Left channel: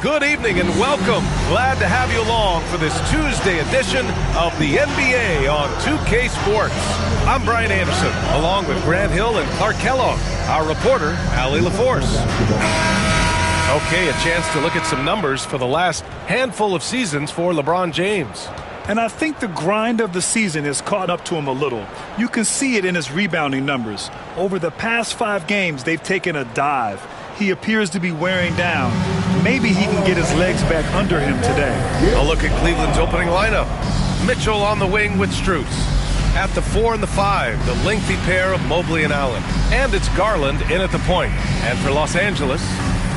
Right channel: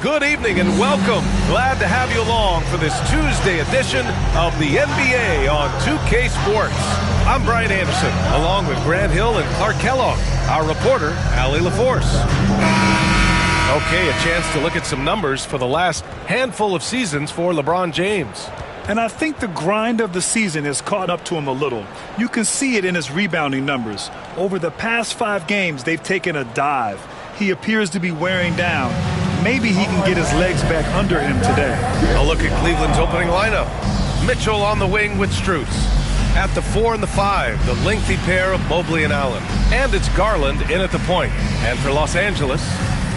Good evening and welcome. Glad to have you along for this Tuesday edition of the NBA on 2K Sports. I'm Brian Anderson, along with Grant Hill and Clark Kellogg, our reporter, Allie LaForce. Okay, a chance to look at some numbers for the last handful of seasons for LeBron James. And I think the grind of the season has caught up to him a little. You can see it in his rebounding numbers. Over the past 5 games, they've taken a dive. He appears to be wearing down. Maybe he can get his legs back under him today. A look at Cleveland's opening lineup. Mitchell on the wing with Strus. At the 4 and the 5, the lengthy pair of Mobley and Allen. And it's Garland in at the point. And for Los Angeles,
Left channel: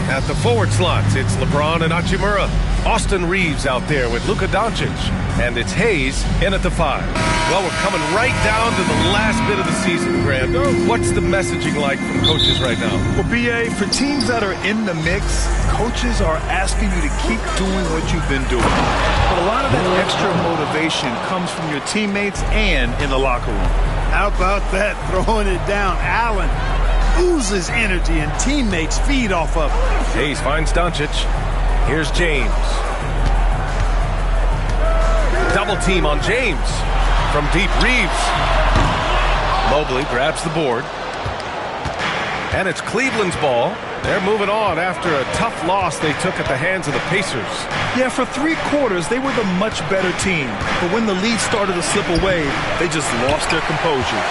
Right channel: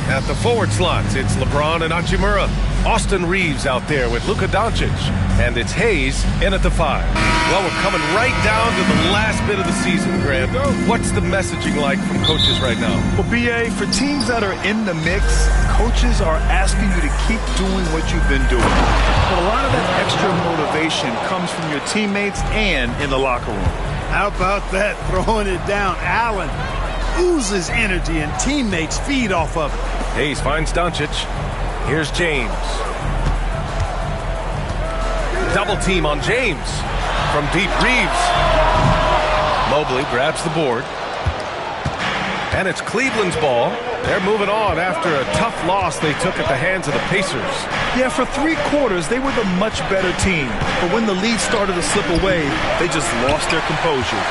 at the forward slots, it's LeBron and Hachimura. Austin Reeves out there with Luka Doncic. And it's Hayes in at the 5. Well, we're coming right down to the last bit of the season, Grant. What's the messaging like from coaches right now? Well, B.A., for teams that are in the mix, coaches are asking you to keep doing what you've been doing. But a lot of that extra motivation comes from your teammates and in the locker room. How about that, throwing it down? Allen oozes energy and teammates feed off of it. Hayes finds Doncic. Here's James. Double team on James. From deep, Reeves. Mobley grabs the board. And it's Cleveland's ball. They're moving on after a tough loss they took at the hands of the Pacers. Yeah, for 3 quarters, they were the much better team. But when the lead started to slip away, they just lost their composure.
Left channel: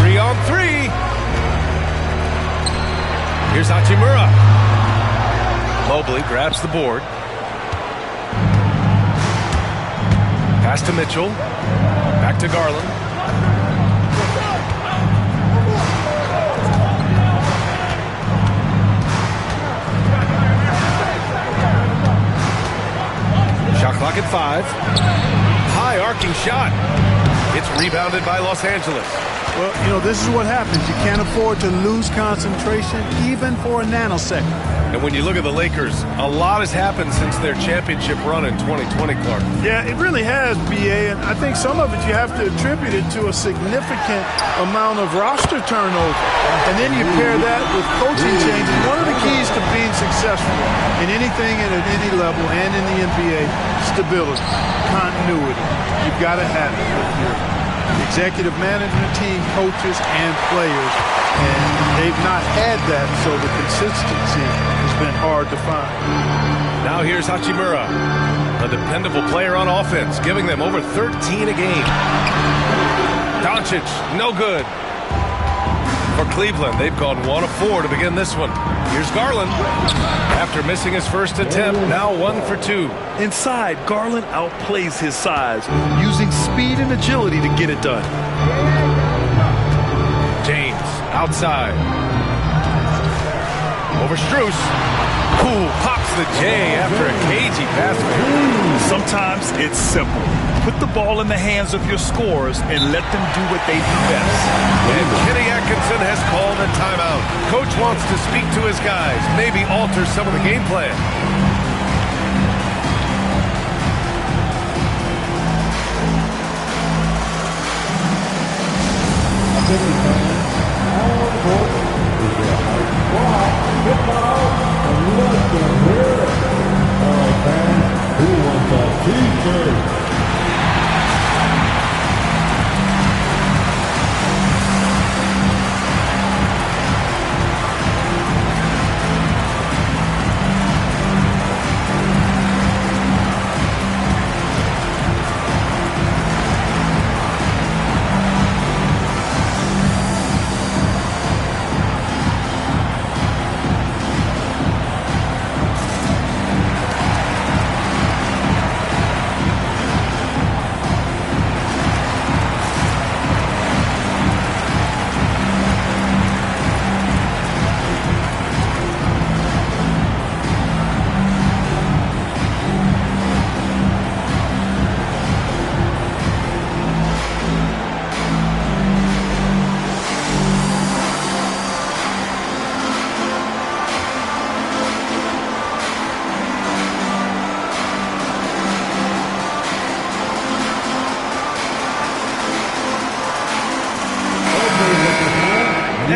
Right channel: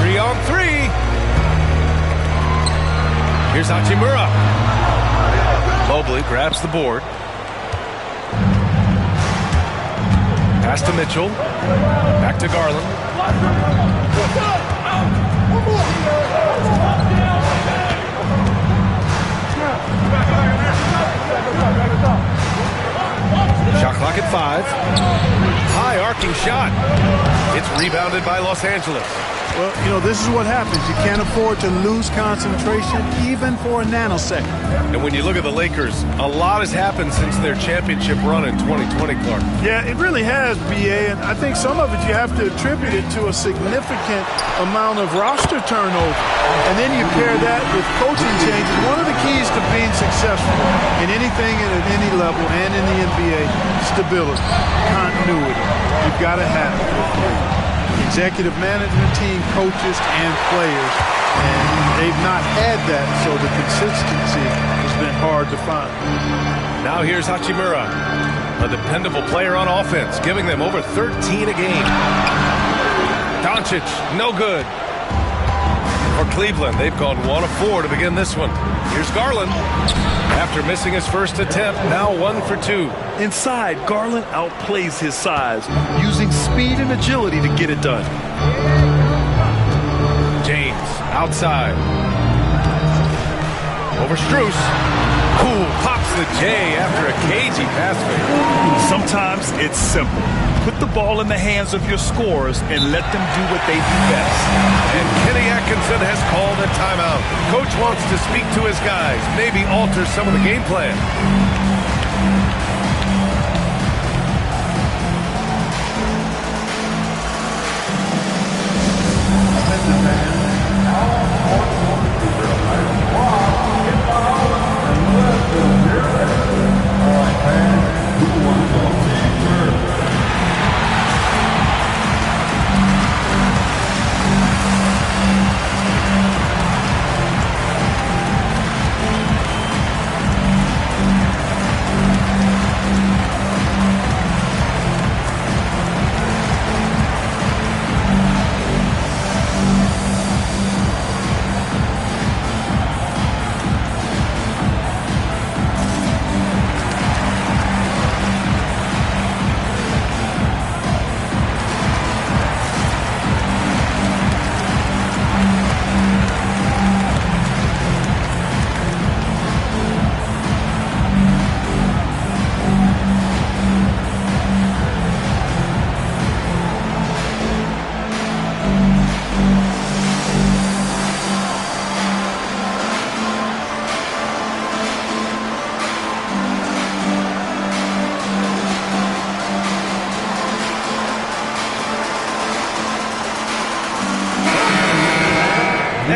3 on 3. Here's Hachimura. Mobley grabs the board. Pass to Mitchell. Back to Garland. Shot clock at 5. High arcing shot. It's rebounded by Los Angeles. Well, you know, this is what happens. You can't afford to lose concentration even for a nanosecond. And when you look at the Lakers, a lot has happened since their championship run in 2020, Clark. Yeah, it really has, B.A., and I think some of it you have to attribute it to a significant amount of roster turnover. And then you pair that with coaching changes. One of the keys to being successful in anything and at any level and in the NBA, stability, continuity. You've got to have it with your executive management team, coaches, and players. And they've not had that, so the consistency has been hard to find. Now here's Hachimura, a dependable player on offense, giving them over 13 a game. Doncic, no good. For Cleveland, they've gone 1 of 4 to begin this one. Here's Garland. After missing his first attempt, now 1 for 2. Inside, Garland outplays his size, using speed and agility to get it done. James, outside. Over Strus. Ooh, pops the J after a cagey pass fake. Sometimes it's simple. Put the ball in the hands of your scorers and let them do what they do best. And Kenny Atkinson has called a timeout. Coach wants to speak to his guys, maybe alter some of the game plan.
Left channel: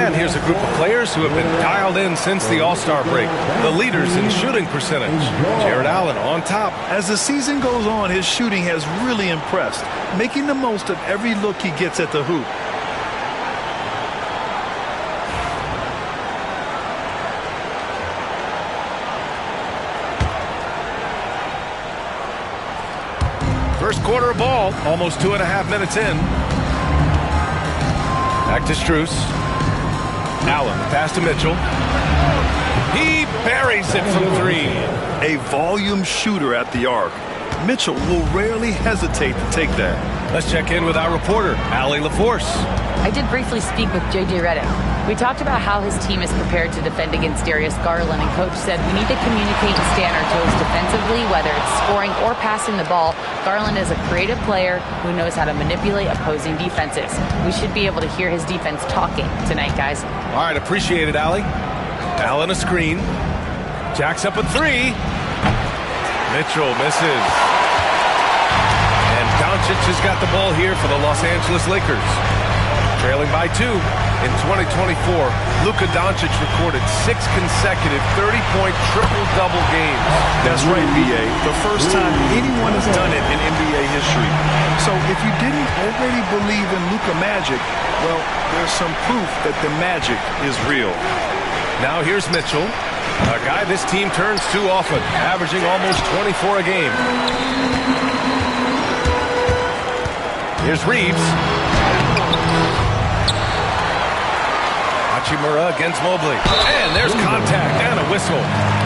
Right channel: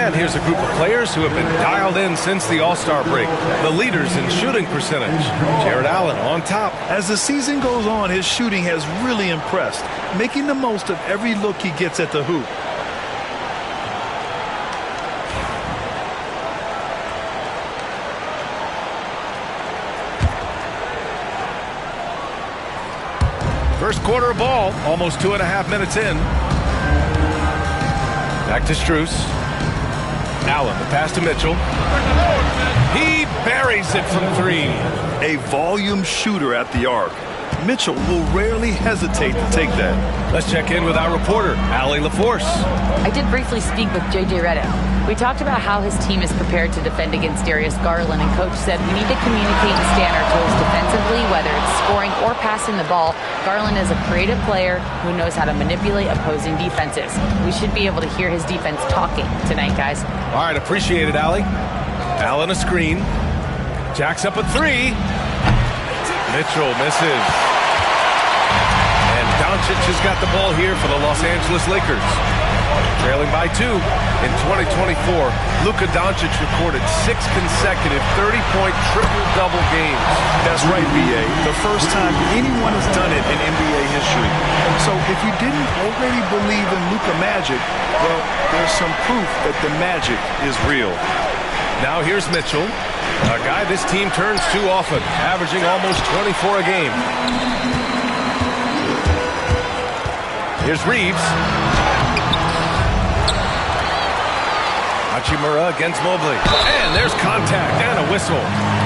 And here's a group of players who have been dialed in since the All-Star break. The leaders in shooting percentage. Jared Allen on top. As the season goes on, his shooting has really impressed, making the most of every look he gets at the hoop. First quarter of ball, almost 2.5 minutes in. Back to Strus. Allen, the pass to Mitchell. He buries it from three. A volume shooter at the arc. Mitchell will rarely hesitate to take that. Let's check in with our reporter, Allie LaForce. I did briefly speak with J.J. Redick. We talked about how his team is prepared to defend against Darius Garland, and Coach said we need to communicate and stay on our toes defensively, whether it's scoring or passing the ball. Garland is a creative player who knows how to manipulate opposing defenses. We should be able to hear his defense talking tonight, guys. All right, appreciate it, Allie. Allen a screen. Jacks up a three. Mitchell misses. And Doncic has got the ball here for the Los Angeles Lakers. Trailing by 2. In 2024, Luka Doncic recorded 6 consecutive 30-point triple-double games. That's right, B.A. The first time anyone has done it in NBA history. So if you didn't already believe in Luka magic, well, there's some proof that the magic is real. Now here's Mitchell, a guy this team turns to often, averaging almost 24 a game. Here's Reeves. Hachimura against Mobley. And there's contact and a whistle.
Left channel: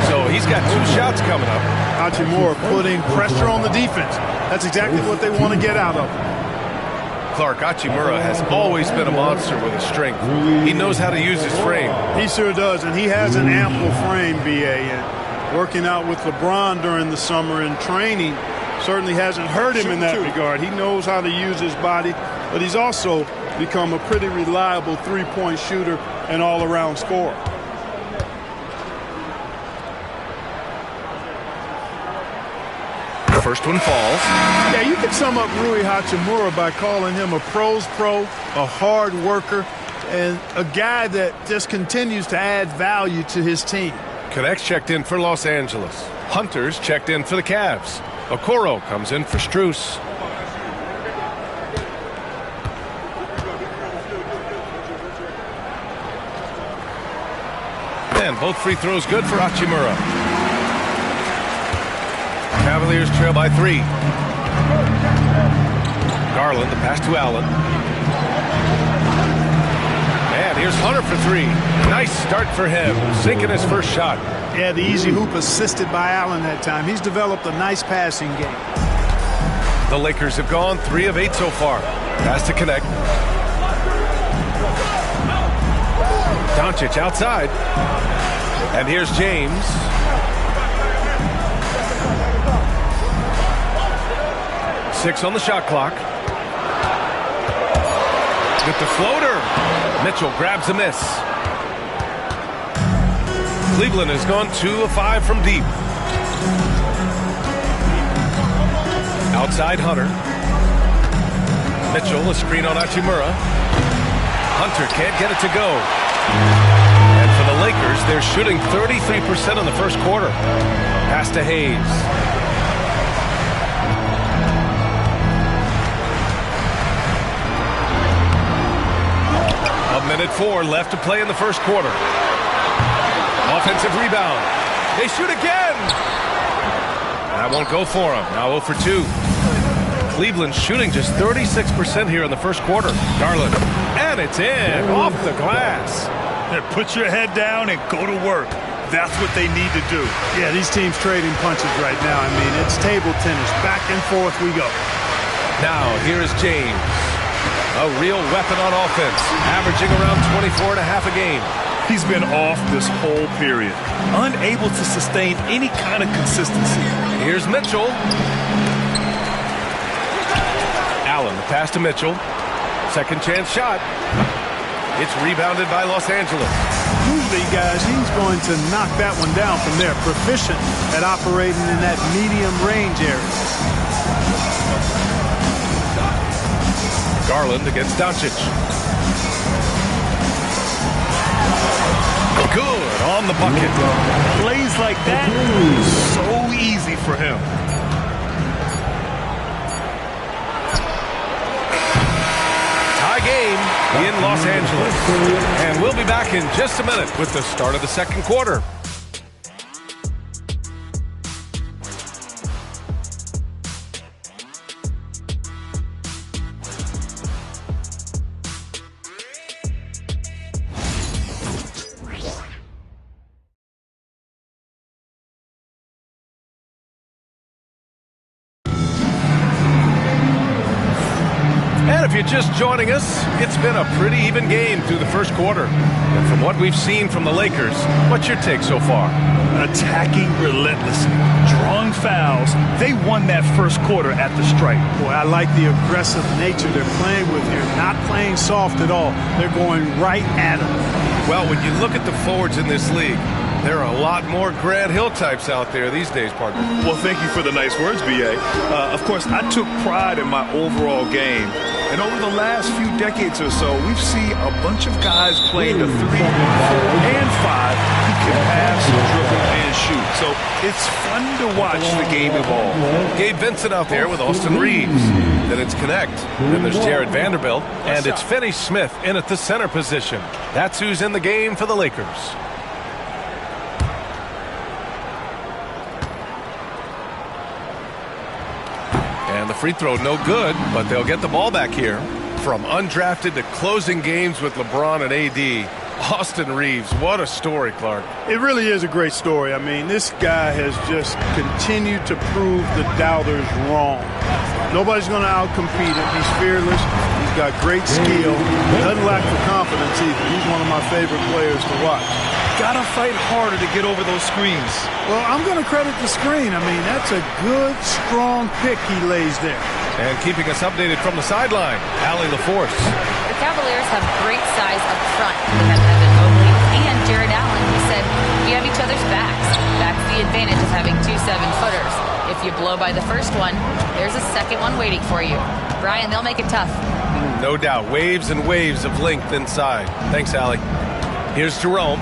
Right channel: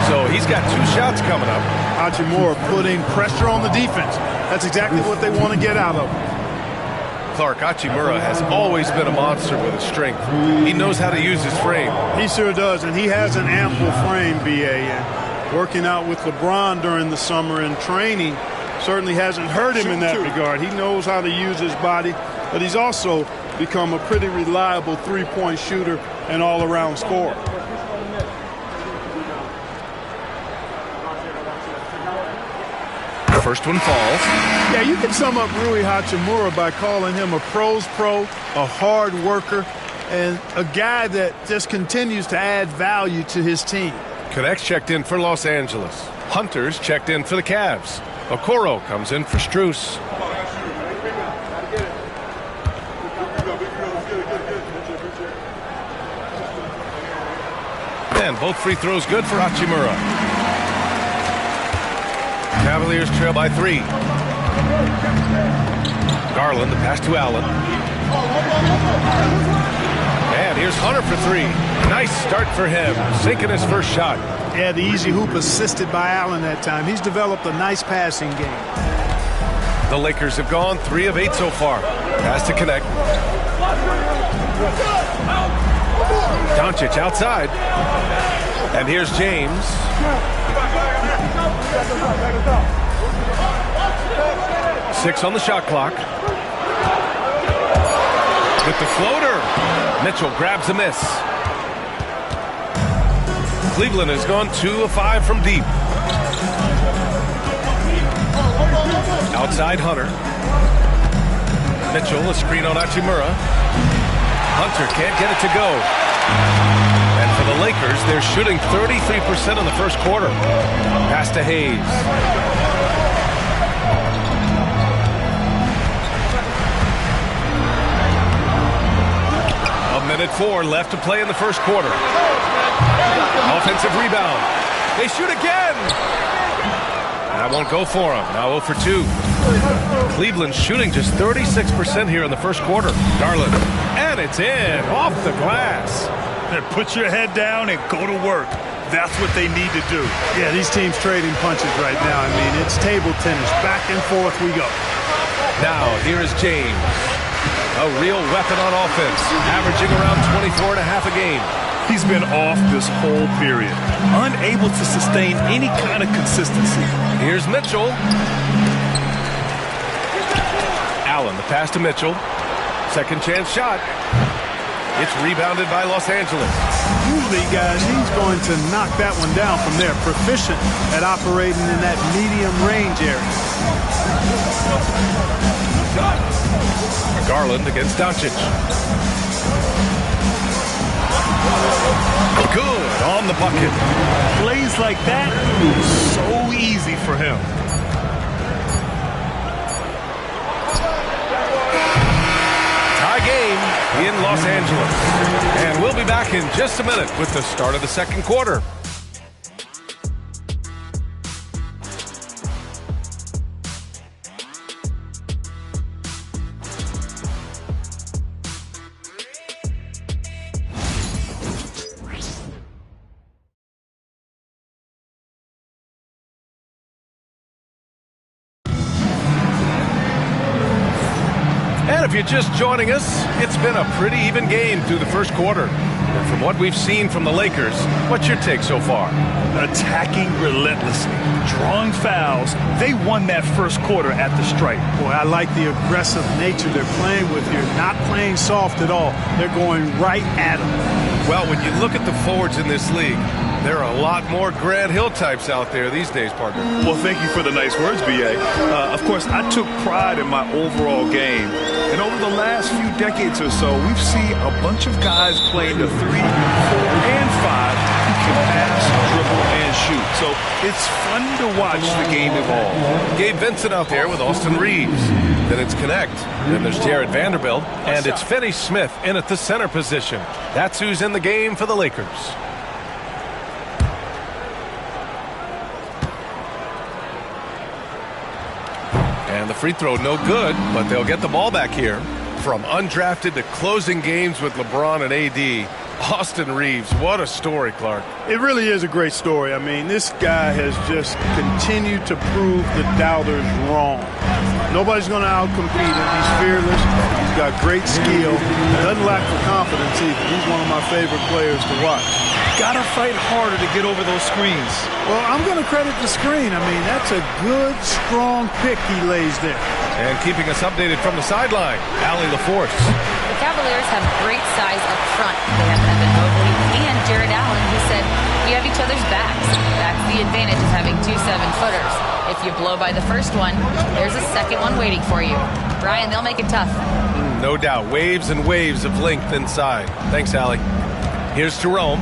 So he's got 2 shots coming up. Hachimura putting pressure on the defense. That's exactly what they want to get out of him. Clark, Hachimura has always been a monster with his strength. He knows how to use his frame. He sure does, and he has an ample frame, B.A. And working out with LeBron during the summer and training certainly hasn't hurt him in that regard. He knows how to use his body, but he's also become a pretty reliable three-point shooter and all-around scorer. First one falls. Yeah, you can sum up Rui Hachimura by calling him a pro's pro, a hard worker, and a guy that just continues to add value to his team. Connects checked in for Los Angeles. Hunters checked in for the Cavs. Okoro comes in for Strus. And both free throws good for Hachimura. Cavaliers trail by 3. Garland, the pass to Allen. And here's Hunter for 3. Nice start for him, sinking his first shot. Yeah, the easy hoop assisted by Allen that time. He's developed a nice passing game. The Lakers have gone 3 of 8 so far. Pass to connect. Doncic outside. And here's James. Six on the shot clock. With the floater. Mitchell grabs a miss. Cleveland has gone 2 of 5 from deep. Outside Hunter. Mitchell, a screen on Hachimura. Hunter can't get it to go. And for the Lakers, they're shooting 33% in the first quarter. Pass to Hayes. A minute 4 left to play in the first quarter. Offensive rebound. They shoot again. That won't go for them. Now 0 for 2. Cleveland shooting just 36% here in the first quarter. Garland. And it's in. Off the glass. Put your head down and go to work. That's what they need to do. Yeah, these teams trading punches right now. I mean, it's table tennis. Back and forth we go. Now, here is James. A real weapon on offense, averaging around 24.5 a game. He's been off this whole period, unable to sustain any kind of consistency. Here's Mitchell. Allen, the pass to Mitchell. Second chance shot. It's rebounded by Los Angeles. Usually, guys, he's going to knock that one down from there. Proficient at operating in that medium range area. Garland against Doncic. Good on the bucket. Plays like that, so easy for him. Tie game in Los Angeles. And we'll be back in just a minute with the start of the second quarter. And if you're just joining us, it's been a pretty even game through the first quarter. And from what we've seen from the Lakers, what's your take so far? Attacking relentlessly, drawing fouls. They won that first quarter at the stripe. Boy, I like the aggressive nature they're playing with here. Not playing soft at all. They're going right at them. Well, when you look at the forwards in this league, there are a lot more Grant Hill types out there these days, partner. Well, thank you for the nice words, B.A. Of course, I took pride in my overall game. And over the last few decades or so, we've seen a bunch of guys playing the 3, 4, and 5 who can pass, dribble, and shoot. So it's fun to watch the game evolve. Gabe Vincent out there with Austin Reeves. Then it's Connect. Then there's Jared Vanderbilt. And it's Finney Smith in at the center position. That's who's in the game for the Lakers. And the free throw no good, but they'll get the ball back here. From undrafted to closing games with LeBron and AD, Austin Reeves, what a story, Clark. It really is a great story. I mean, this guy has just continued to prove the doubters wrong. Nobody's going to outcompete him. He's fearless. He's got great skill. Doesn't lack for confidence either. He's one of my favorite players to watch. Gotta fight harder to get over those screens. Well, I'm going to credit the screen. I mean, that's a good, strong pick he lays there. And keeping us updated from the sideline, Allie LaForce. The Cavaliers have great size up front. They have Evan Mobley and Jared Allen, who said, "We have each other's backs." That's the advantage of having 2 7-footers. If you blow by the first one, there's a second one waiting for you. Brian, they'll make it tough. No doubt. Waves and waves of length inside. Thanks, Allie. Here's Jerome.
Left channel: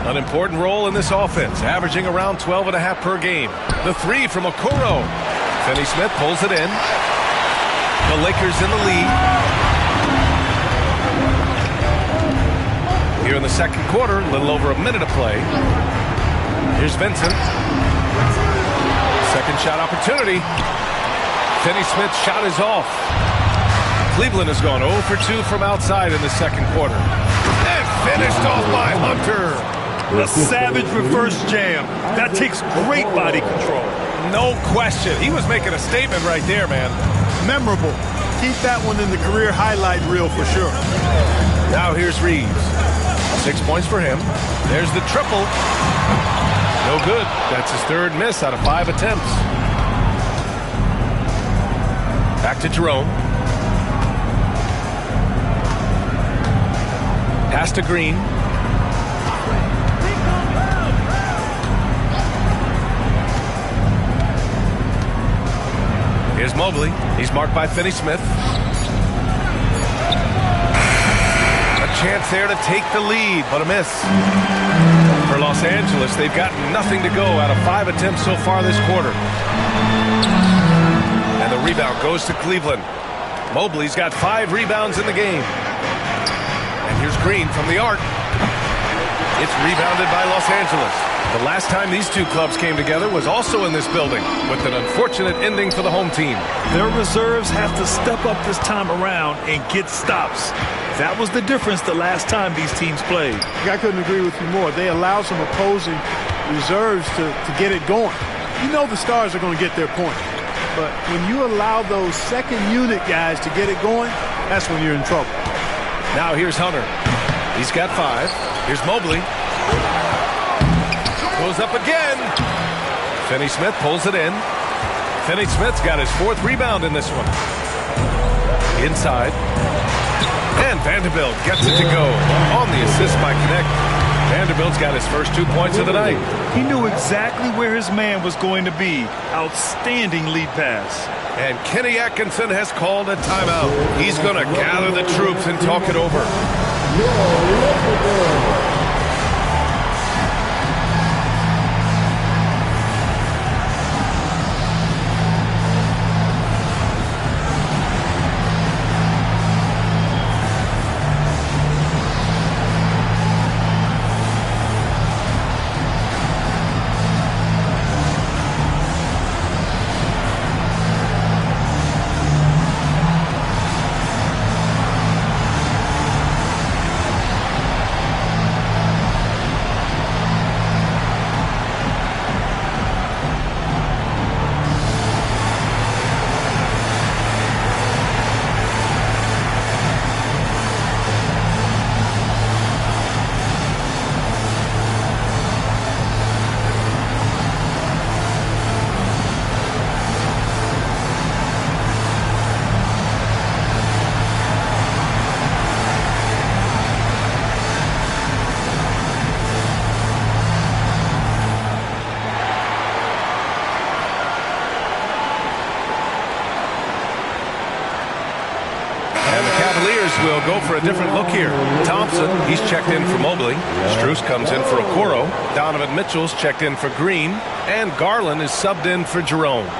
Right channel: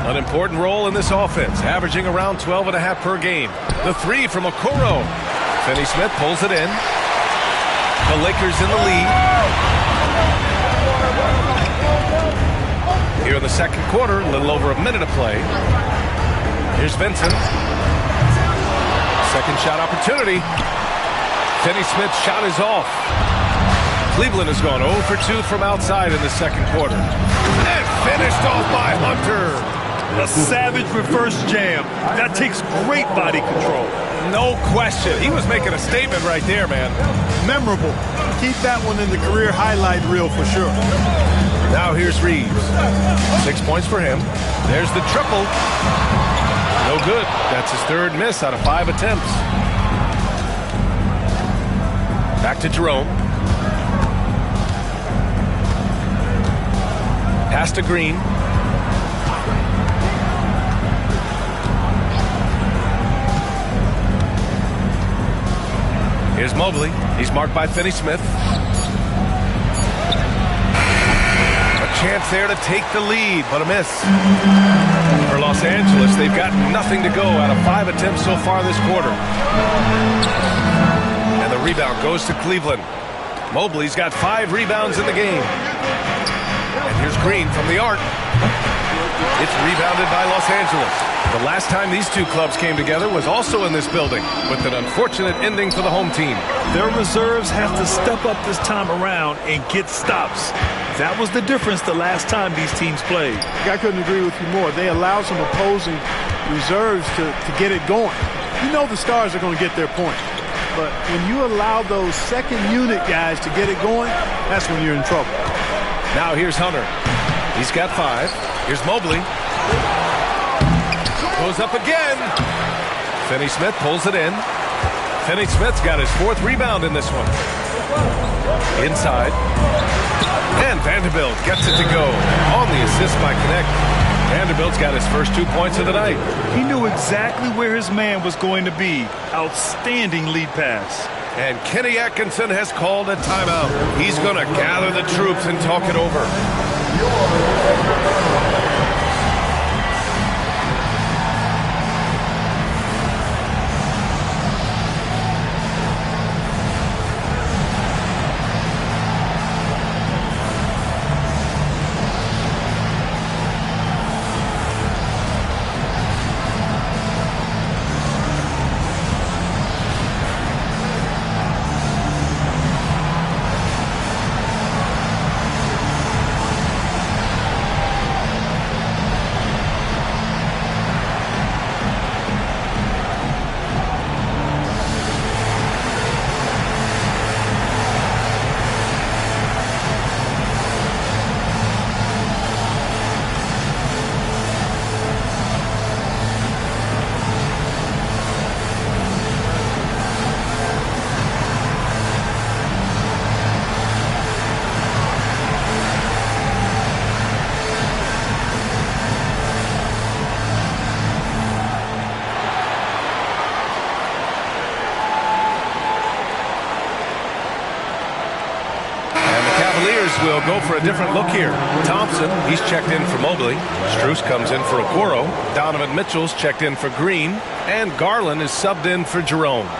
An important role in this offense, averaging around 12.5 per game. The 3 from Okoro. Finney Smith pulls it in. The Lakers in the lead. Here in the second quarter, a little over a minute of play. Here's Vincent. Second shot opportunity. Finney Smith's shot is off. Cleveland has gone 0 for 2 from outside in the second quarter. And finished off by Hunter. A savage reverse jam. That takes great body control. No question. He was making a statement right there, man. Memorable. Keep that one in the career highlight reel for sure. Now here's Reeves. 6 points for him. There's the triple. No good. That's his third miss out of 5 attempts. Back to Jerome. Pass to Green. Here's Mobley. He's marked by Finney Smith. A chance there to take the lead, but a miss. For Los Angeles, they've got nothing to go out of 5 attempts so far this quarter. And the rebound goes to Cleveland. Mobley's got 5 rebounds in the game. And here's Green from the arc. It's rebounded by Los Angeles. The last time these two clubs came together was also in this building, with an unfortunate ending for the home team. Their reserves have to step up this time around and get stops. That was the difference the last time these teams played. I couldn't agree with you more. They allow some opposing reserves to get it going. You know the stars are going to get their point. But when you allow those second unit guys to get it going, that's when you're in trouble. Now here's Hunter. He's got 5. Here's Mobley. Goes up again. Finney Smith pulls it in. Finney Smith's got his 4th rebound in this one. Inside. And Vanderbilt gets it to go. On the assist by Connect. Vanderbilt's got his first 2 points of the night. He knew exactly where his man was going to be. Outstanding lead pass. And Kenny Atkinson has called a timeout. He's going to gather the troops and talk it over. we'll go for a different look here. Thompson, he's checked in for Mobley. Strus comes in for Okoro. Donovan Mitchell's checked in for Green. And Garland is subbed in for Jerome.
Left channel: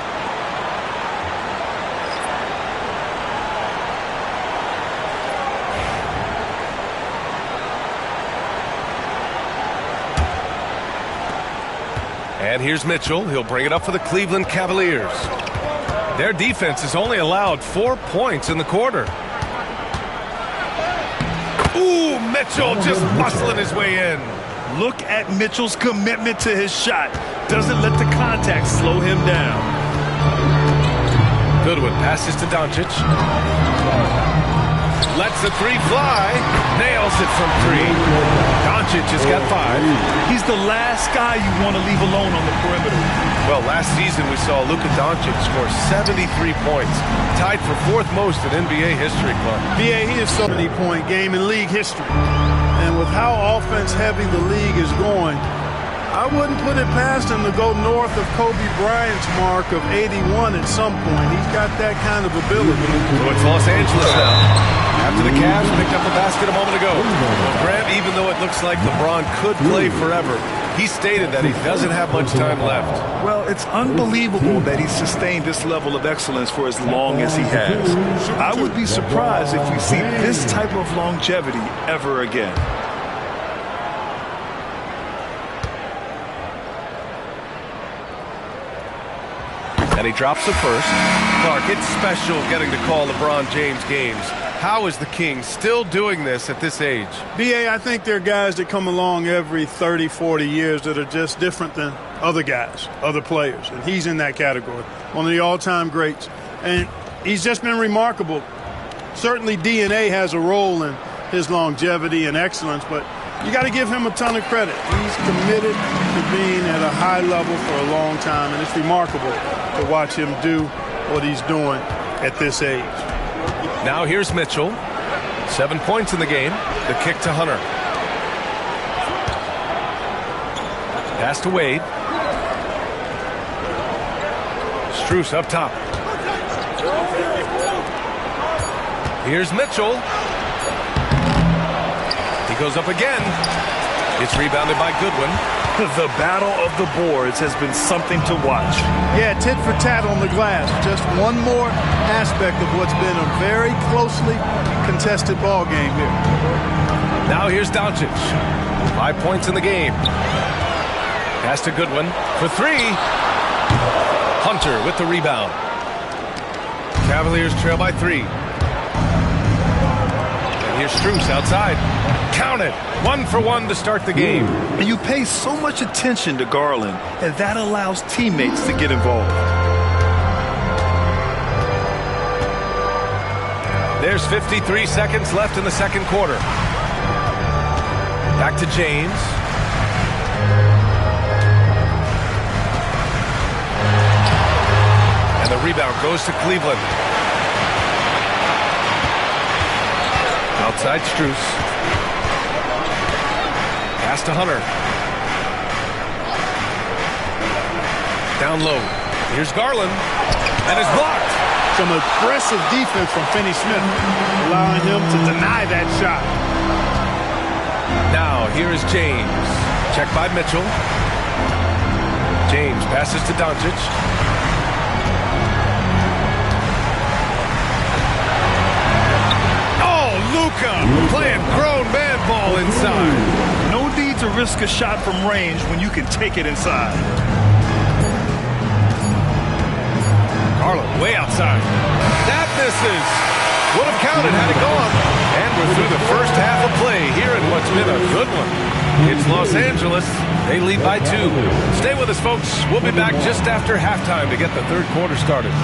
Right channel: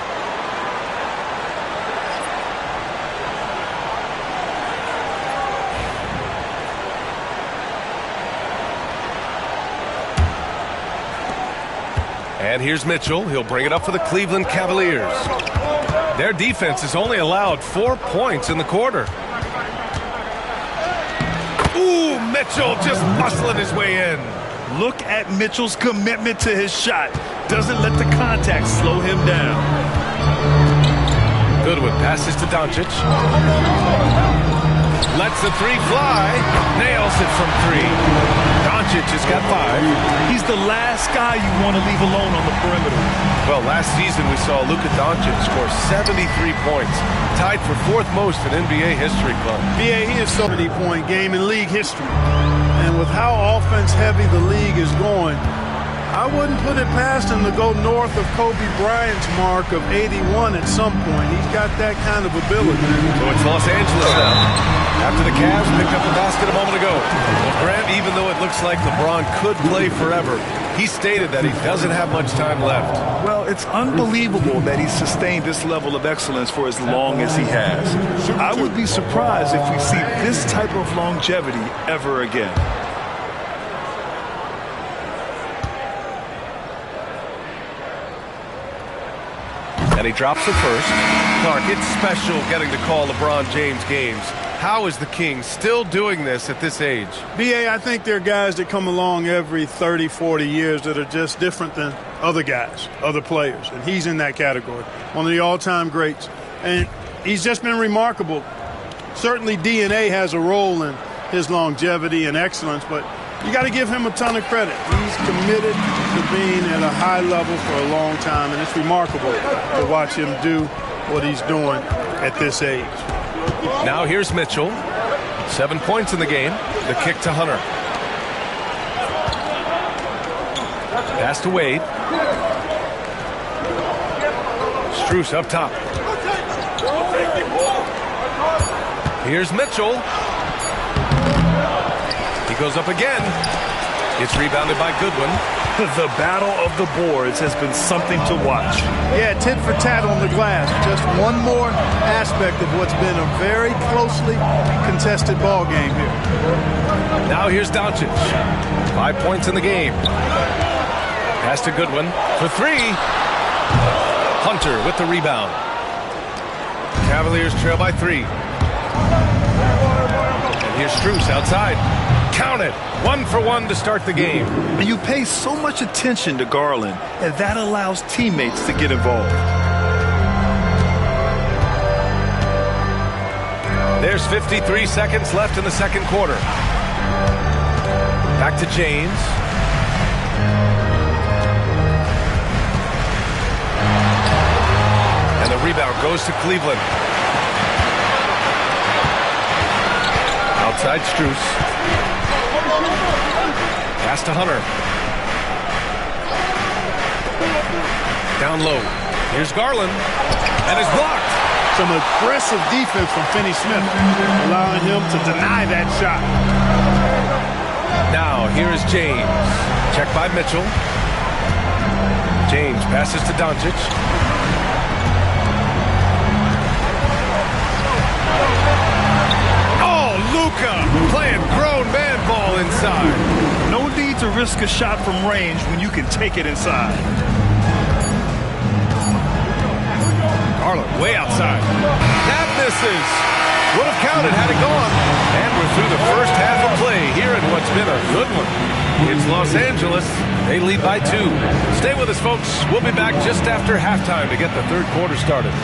And here's Mitchell. He'll bring it up for the Cleveland Cavaliers. Their defense has only allowed 4 points in the quarter. Ooh, Mitchell just muscling his way in. Look at Mitchell's commitment to his shot. Doesn't let the contact slow him down. Goodwin passes to Doncic. Lets the three fly. Nails it from three. Doncic has got 5. He's the last guy you want to leave alone on the perimeter. Well, last season we saw Luka Doncic score 73 points. Tied for 4th most in NBA history, Clark. BA, he is 70-point game in league history. And with how offense-heavy the league is going, I wouldn't put it past him to go north of Kobe Bryant's mark of 81 at some point. He's got that kind of ability. So it's Los Angeles now. After the Cavs picked up a basket a moment ago. Well, Grant, even though it looks like LeBron could play forever, he stated that he doesn't have much time left. Well, it's unbelievable that he's sustained this level of excellence for as long as he has. I would be surprised if we see this type of longevity ever again. And he drops the first. Clark, it's special getting to call LeBron James games. How is the King still doing this at this age? BA, I think there are guys that come along every 30, 40 years that are just different than other guys, other players. And he's in that category. One of the all-time greats. And he's just been remarkable. Certainly DNA has a role in his longevity and excellence, but you got to give him a ton of credit. He's committed to being at a high level for a long time, and it's remarkable to watch him do what he's doing at this age. Now here's Mitchell. 7 points in the game. The kick to Hunter. Pass to Wade. Strus up top. Here's Mitchell. He goes up again. It's rebounded by Goodwin. The battle of the boards has been something to watch. Yeah, tit for tat on the glass. Just one more aspect of what's been a very closely contested ball game here. Now here's Doncic. 5 points in the game. Pass to Goodwin for 3. Hunter with the rebound. Cavaliers trail by 3. And here's Strus outside. Count it. 1 for 1 to start the game. And you pay so much attention to Garland, and that allows teammates to get involved. There's 53 seconds left in the second quarter. Back to James. And the rebound goes to Cleveland. Outside Strus. Pass to Hunter. Down low. Here's Garland. And it's blocked. Some aggressive defense from Finney-Smith, allowing him to deny that shot. Now, here is James. Checked by Mitchell. James passes to Doncic. Oh, Luka playing grown man ball inside. No need to risk a shot from range when you can take it inside. Garland way outside. That misses. Would have counted had it gone. And we're through the first half of play here in what's been a good one. It's Los Angeles. They lead by 2. Stay with us, folks. We'll be back just after halftime to get the third quarter started.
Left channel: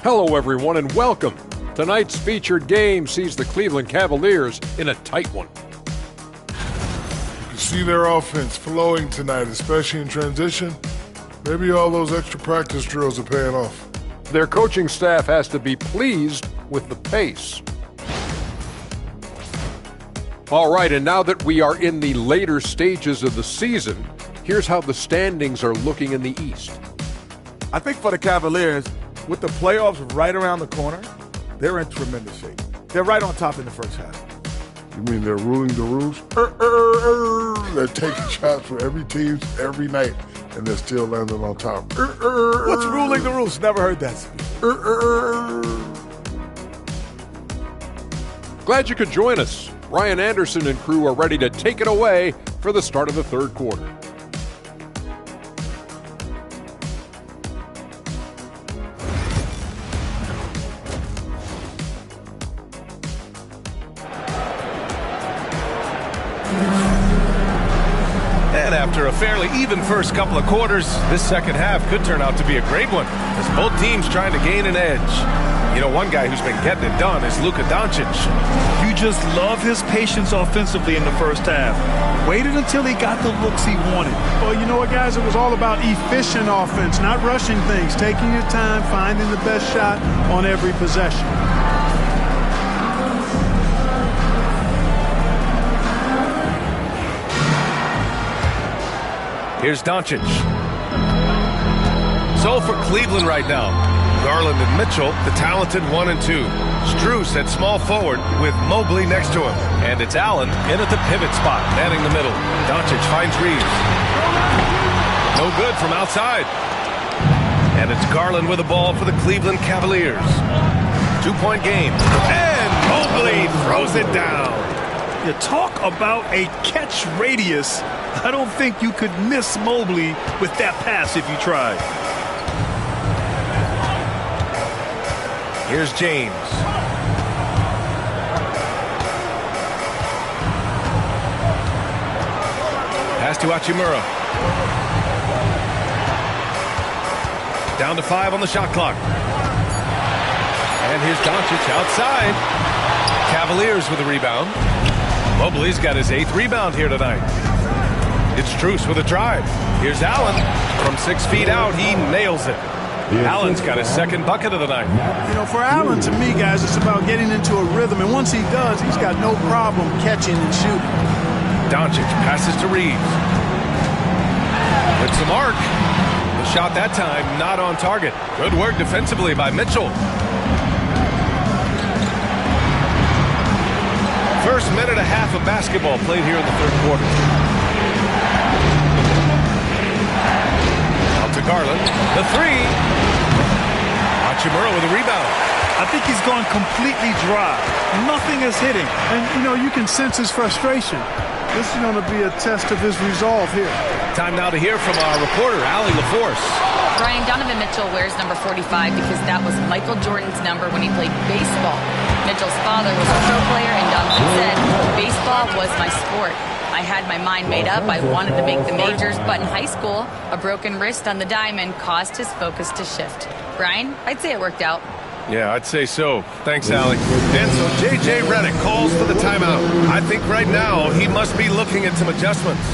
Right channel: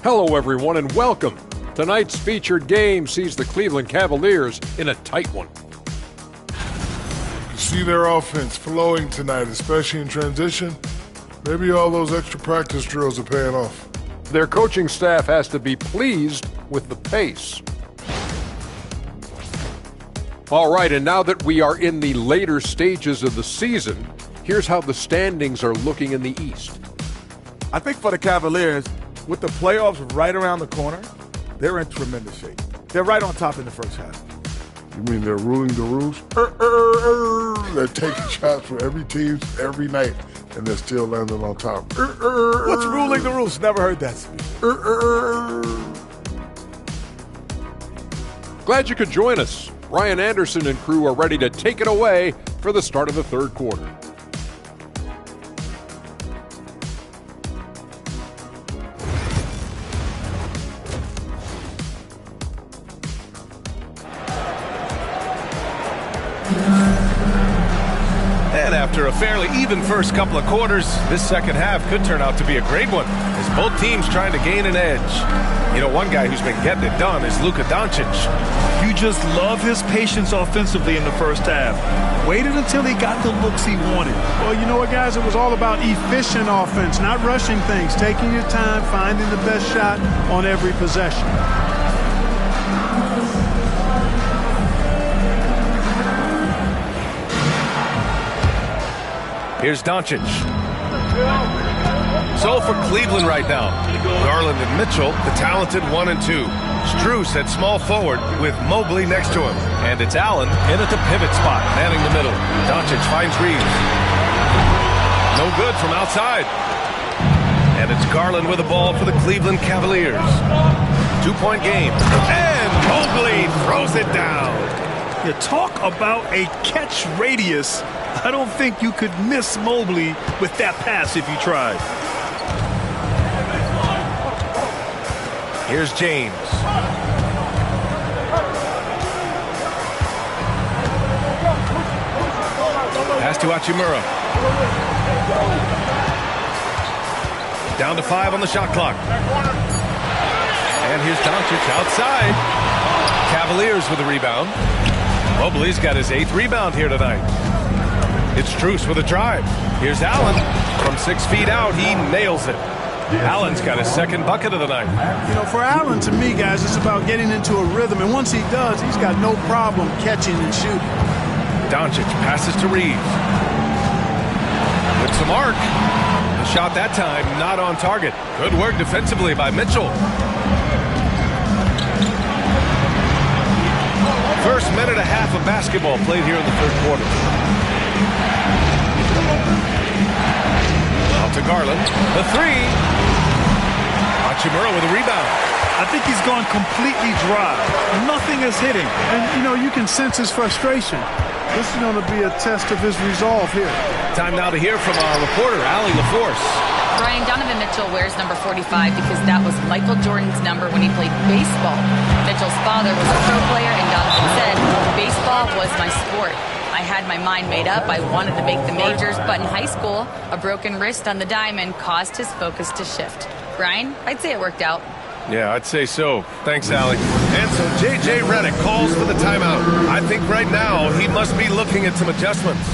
Hello, everyone, and welcome. Tonight's featured game sees the Cleveland Cavaliers in a tight one. see their offense flowing tonight, especially in transition. Maybe all those extra practice drills are paying off. Their coaching staff has to be pleased with the pace. All right, and now that we are in the later stages of the season, here's how the standings are looking in the East. I think for the Cavaliers, with the playoffs right around the corner, they're in tremendous shape. They're right on top in the first half. You mean they're ruling the rules? They're taking shots for every team every night, and they're still landing on top. What's ruling the rules? Never heard that speech. Glad you could join us. Ryan Anderson and crew are ready to take it away for the start of the third quarter. And after a fairly even first couple of quarters, this second half could turn out to be a great one, as both teams trying to gain an edge. You know, one guy who's been getting it done is Luka Doncic. You just love his patience offensively in the first half. Waited until he got the looks he wanted. Well, you know what, guys? It was all about efficient offense, not rushing things, taking your time, finding the best shot on every possession. Here's Doncic. So for Cleveland right now, Garland and Mitchell, the talented 1 and 2. Strus at small forward with Mobley next to him. And it's Allen in at the pivot spot, manning the middle. Doncic finds Reeves. No good from outside. And it's Garland with the ball for the Cleveland Cavaliers. 2-point game. And Mobley throws it down. You talk about a catch radius. I don't think you could miss Mobley with that pass if you tried. Here's James. Pass to Hachimura. Down to 5 on the shot clock. And here's Doncic outside. Cavaliers with a rebound. Mobley's got his 8th rebound here tonight. It's Strus with a drive. Here's Allen. From 6 feet out, he nails it. Allen's got his 2nd bucket of the night. You know, for Allen, to me, guys, it's about getting into a rhythm. And once he does, he's got no problem catching and shooting. Doncic passes to Reeves. With some arc. The shot that time not on target. Good work defensively by Mitchell. First minute and a half of basketball played here in the third quarter. Out to Garland. The 3. Hachimura with a rebound. I think he's gone completely dry. Nothing is hitting. And, you know, you can sense his frustration. This is going to be a test of his resolve here. Time now to hear from our reporter, Allie LaForce. Brian, Donovan Mitchell wears number 45 because that was Michael Jordan's number when he played baseball. Mitchell's father was a pro player, and Donovan said, baseball was my sport. I had my mind made up. I wanted to make the majors, but in high school, a broken wrist on the diamond caused his focus to shift. Brian, I'd say it worked out. Yeah, I'd say so. Thanks, Allie. And so J.J. Redick calls for the timeout. I think right now he must be looking at some adjustments.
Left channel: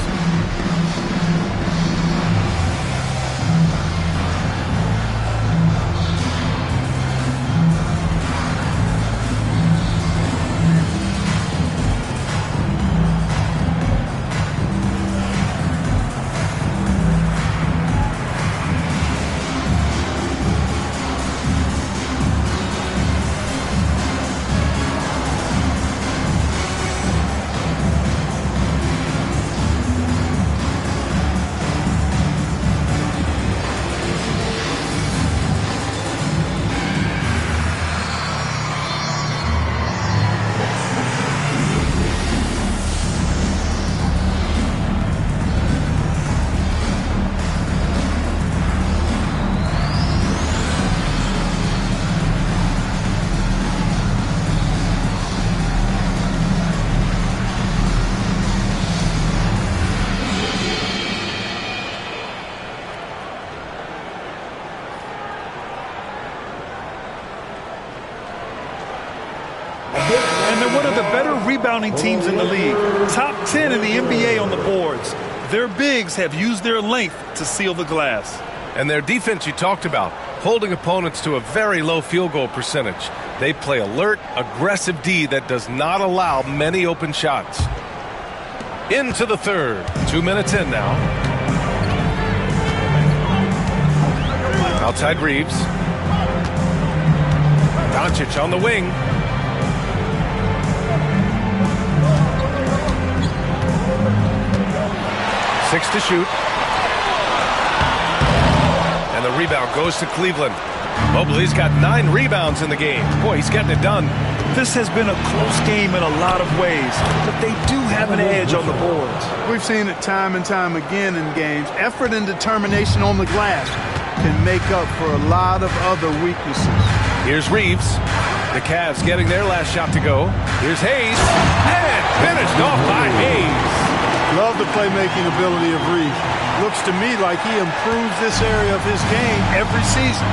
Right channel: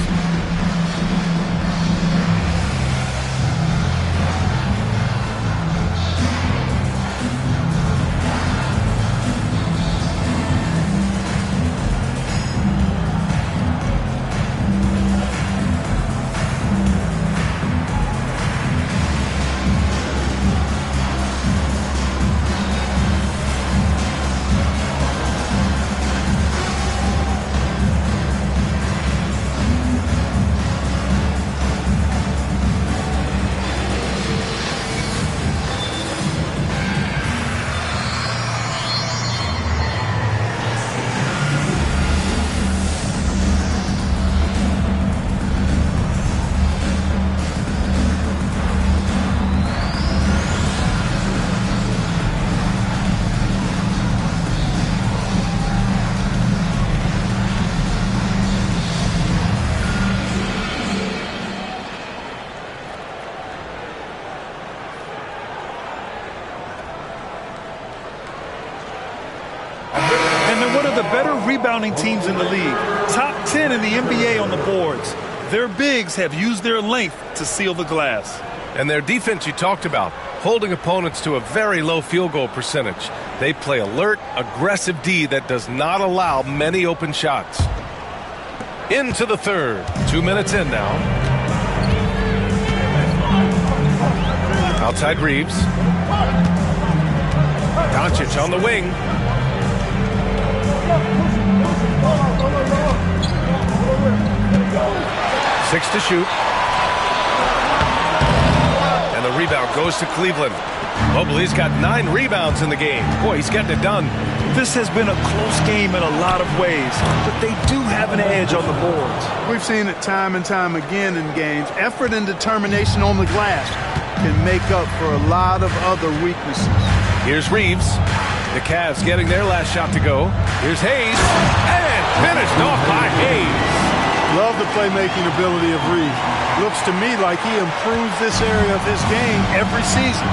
they're one of the better rebounding teams in the league. Top 10 in the NBA on the boards. Their bigs have used their length to seal the glass. And their defense you talked about, holding opponents to a very low field goal percentage. They play alert, aggressive D that does not allow many open shots. Into the third. 2 minutes in now. Outside Reeves. Doncic on the wing. Six to shoot. And the rebound goes to Cleveland. Mobley's got 9 rebounds in the game. Boy, he's getting it done. This has been a close game in a lot of ways, but they do have an edge on the boards. We've seen it time and time again in games. Effort and determination on the glass can make up for a lot of other weaknesses. Here's Reeves. The Cavs getting their last shot to go. Here's Hayes. And finished off by Hayes. Love the playmaking ability of Reeves. Looks to me like he improves this area of his game every season.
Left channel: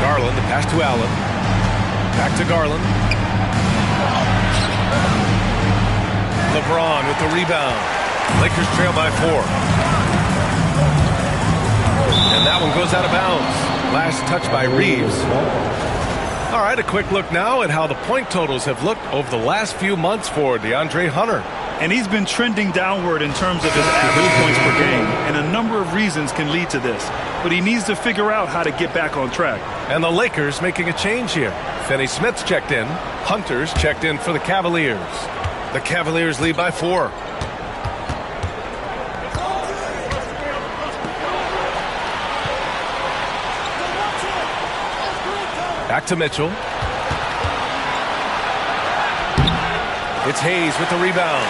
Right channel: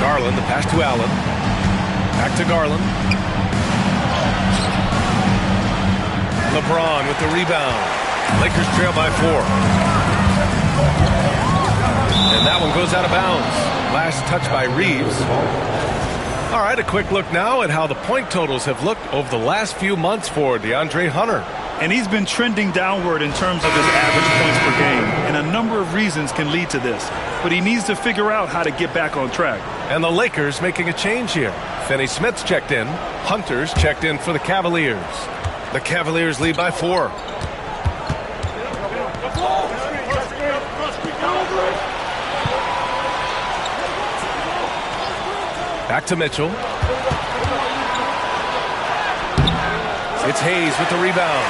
Garland, the pass to Allen. Back to Garland. LeBron with the rebound. Lakers trail by 4. And that one goes out of bounds. Last touch by Reeves. All right, a quick look now at how the point totals have looked over the last few months for DeAndre Hunter. And he's been trending downward in terms of his average points per game. And a number of reasons can lead to this. But he needs to figure out how to get back on track. And the Lakers making a change here. Finney Smith's checked in. Hunter's checked in for the Cavaliers. The Cavaliers lead by 4. Back to Mitchell. It's Hayes with the rebound.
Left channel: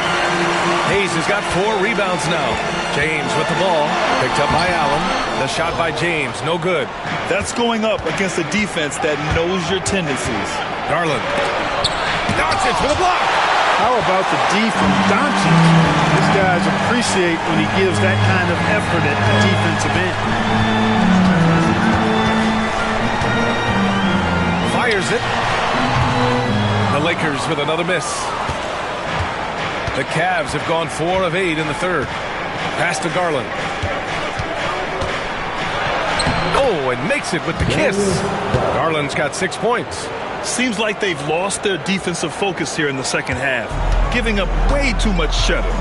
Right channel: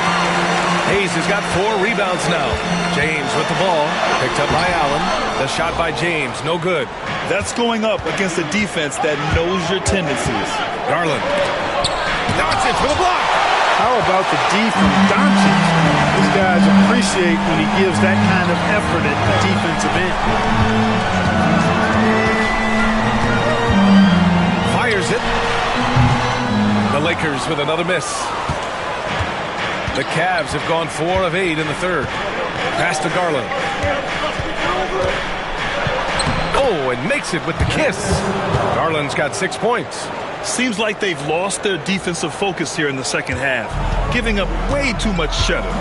Hayes has got 4 rebounds now. James with the ball. Picked up by Allen. The shot by James, no good. That's going up against a defense that knows your tendencies. Garland. Doncic with a block. How about the D from Doncic? These guys appreciate when he gives that kind of effort at the defensive end. Fires it. The Lakers with another miss. The Cavs have gone 4 of 8 in the third. Pass to Garland. Oh, and makes it with the kiss. Garland's got 6 points. Seems like they've lost their defensive focus here in the second half, giving up way too much shutting.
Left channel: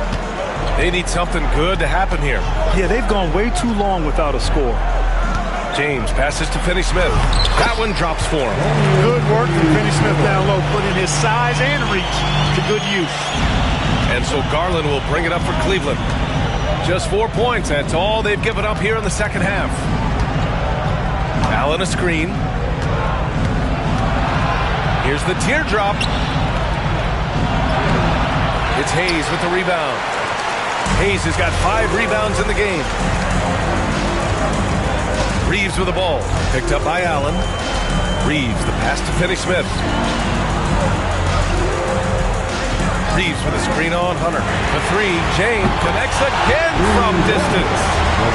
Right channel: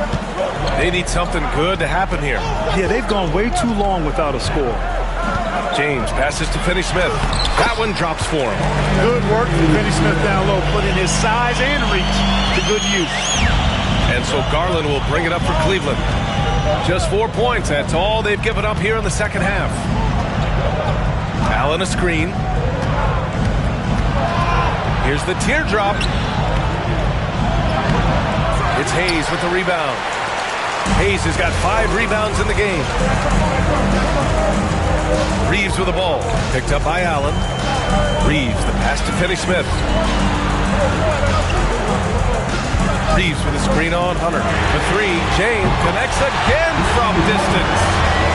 They need something good to happen here. Yeah, they've gone way too long without a score. James passes to Finney Smith. That one drops for him. Good work from Finney Smith down low, putting his size and reach to good use. And so Garland will bring it up for Cleveland. Just 4 points. That's all they've given up here in the second half. Allen a screen. Here's the teardrop. It's Hayes with the rebound. Hayes has got 5 rebounds in the game. Reeves with the ball. Picked up by Allen. Reeves, the pass to Finney Smith. Reeves with a screen on Hunter. For 3, James connects again from distance.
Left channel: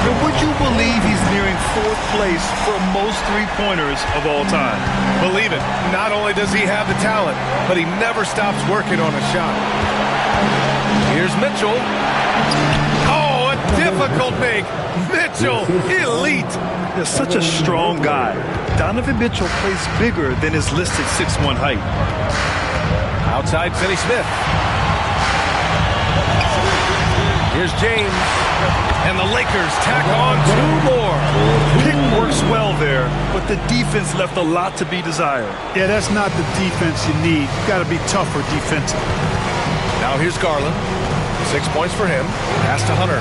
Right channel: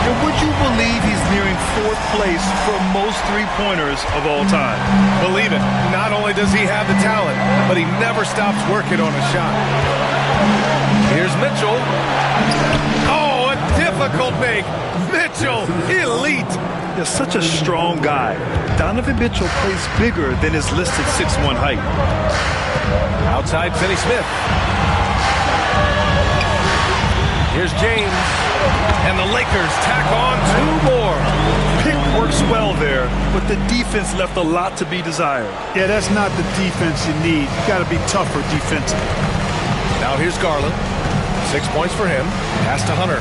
And would you believe he's nearing 4th place for most three-pointers of all time? Believe it. Not only does he have the talent, but he never stops working on a shot. Here's Mitchell. Oh, a difficult make. Mitchell, elite. They're such a strong guy. Donovan Mitchell plays bigger than his listed 6'1" height. Outside Finney Smith. Here's James. And the Lakers tack on 2 more. Pick works well there, but the defense left a lot to be desired. Yeah, that's not the defense you need. You got to be tougher defensively. Now here's Garland. 6 points for him. Pass to Hunter.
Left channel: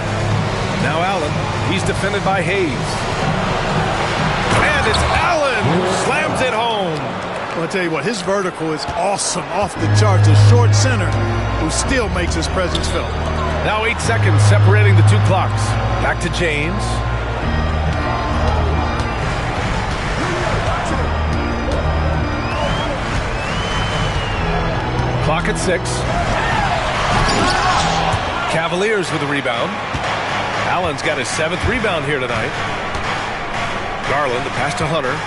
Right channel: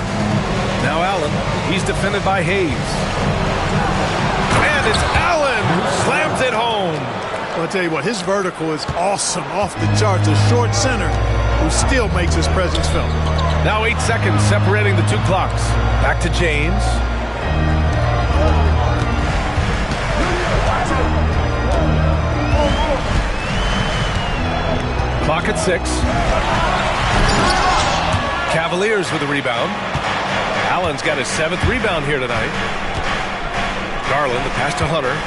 Now Allen. He's defended by Hayes. And it's Allen who slams it home. Well, I'll tell you what, his vertical is awesome, off the charts. A short center who still makes his presence felt. Now 8 seconds separating the 2 clocks. Back to James. Clock at 6. Cavaliers with the rebound. Allen's got his 7th rebound here tonight. Garland, the pass to Hunter.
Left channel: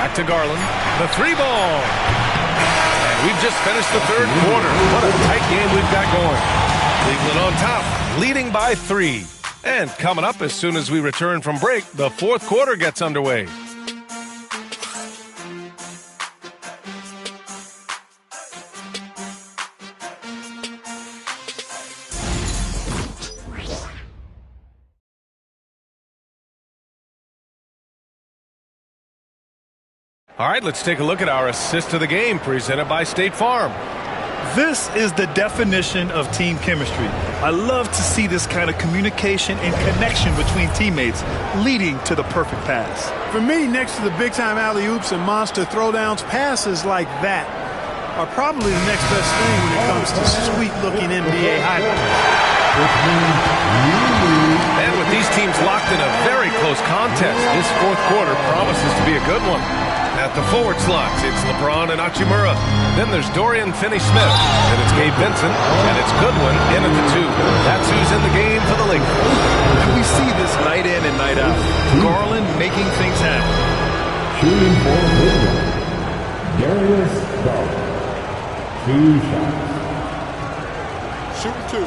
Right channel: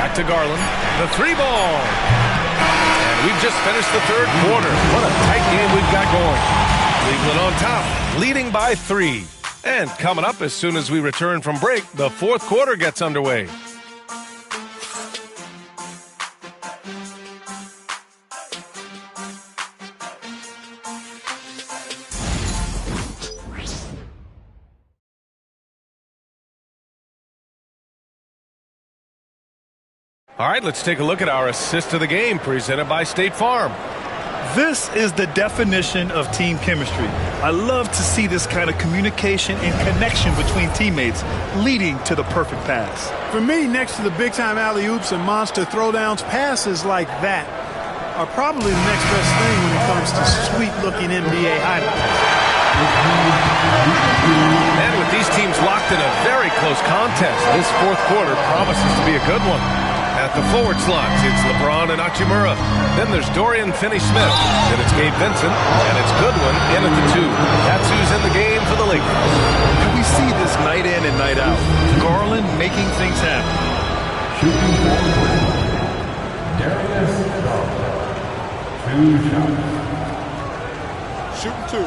Back to Garland. The 3-ball. And we've just finished the third quarter. What a tight game we've got going. Cleveland on top, leading by 3. And coming up as soon as we return from break, the fourth quarter gets underway. All right, let's take a look at our assist of the game presented by State Farm. This is the definition of team chemistry. I love to see this kind of communication and connection between teammates leading to the perfect pass. For me, next to the big-time alley-oops and monster throwdowns, passes like that are probably the next best thing when it comes to sweet-looking NBA highlights. And with these teams locked in a very close contest, this fourth quarter promises to be a good one. At the forward slots, it's LeBron and Hachimura. Then there's Dorian Finney-Smith. Then it's Gabe Vincent. And it's Goodwin in at the 2. That's who's in the game for the Lakers. And we see this night in and night out. Garland making things happen. Shooting for Cleveland, Darius Garland. 2 shots. Shooting 2.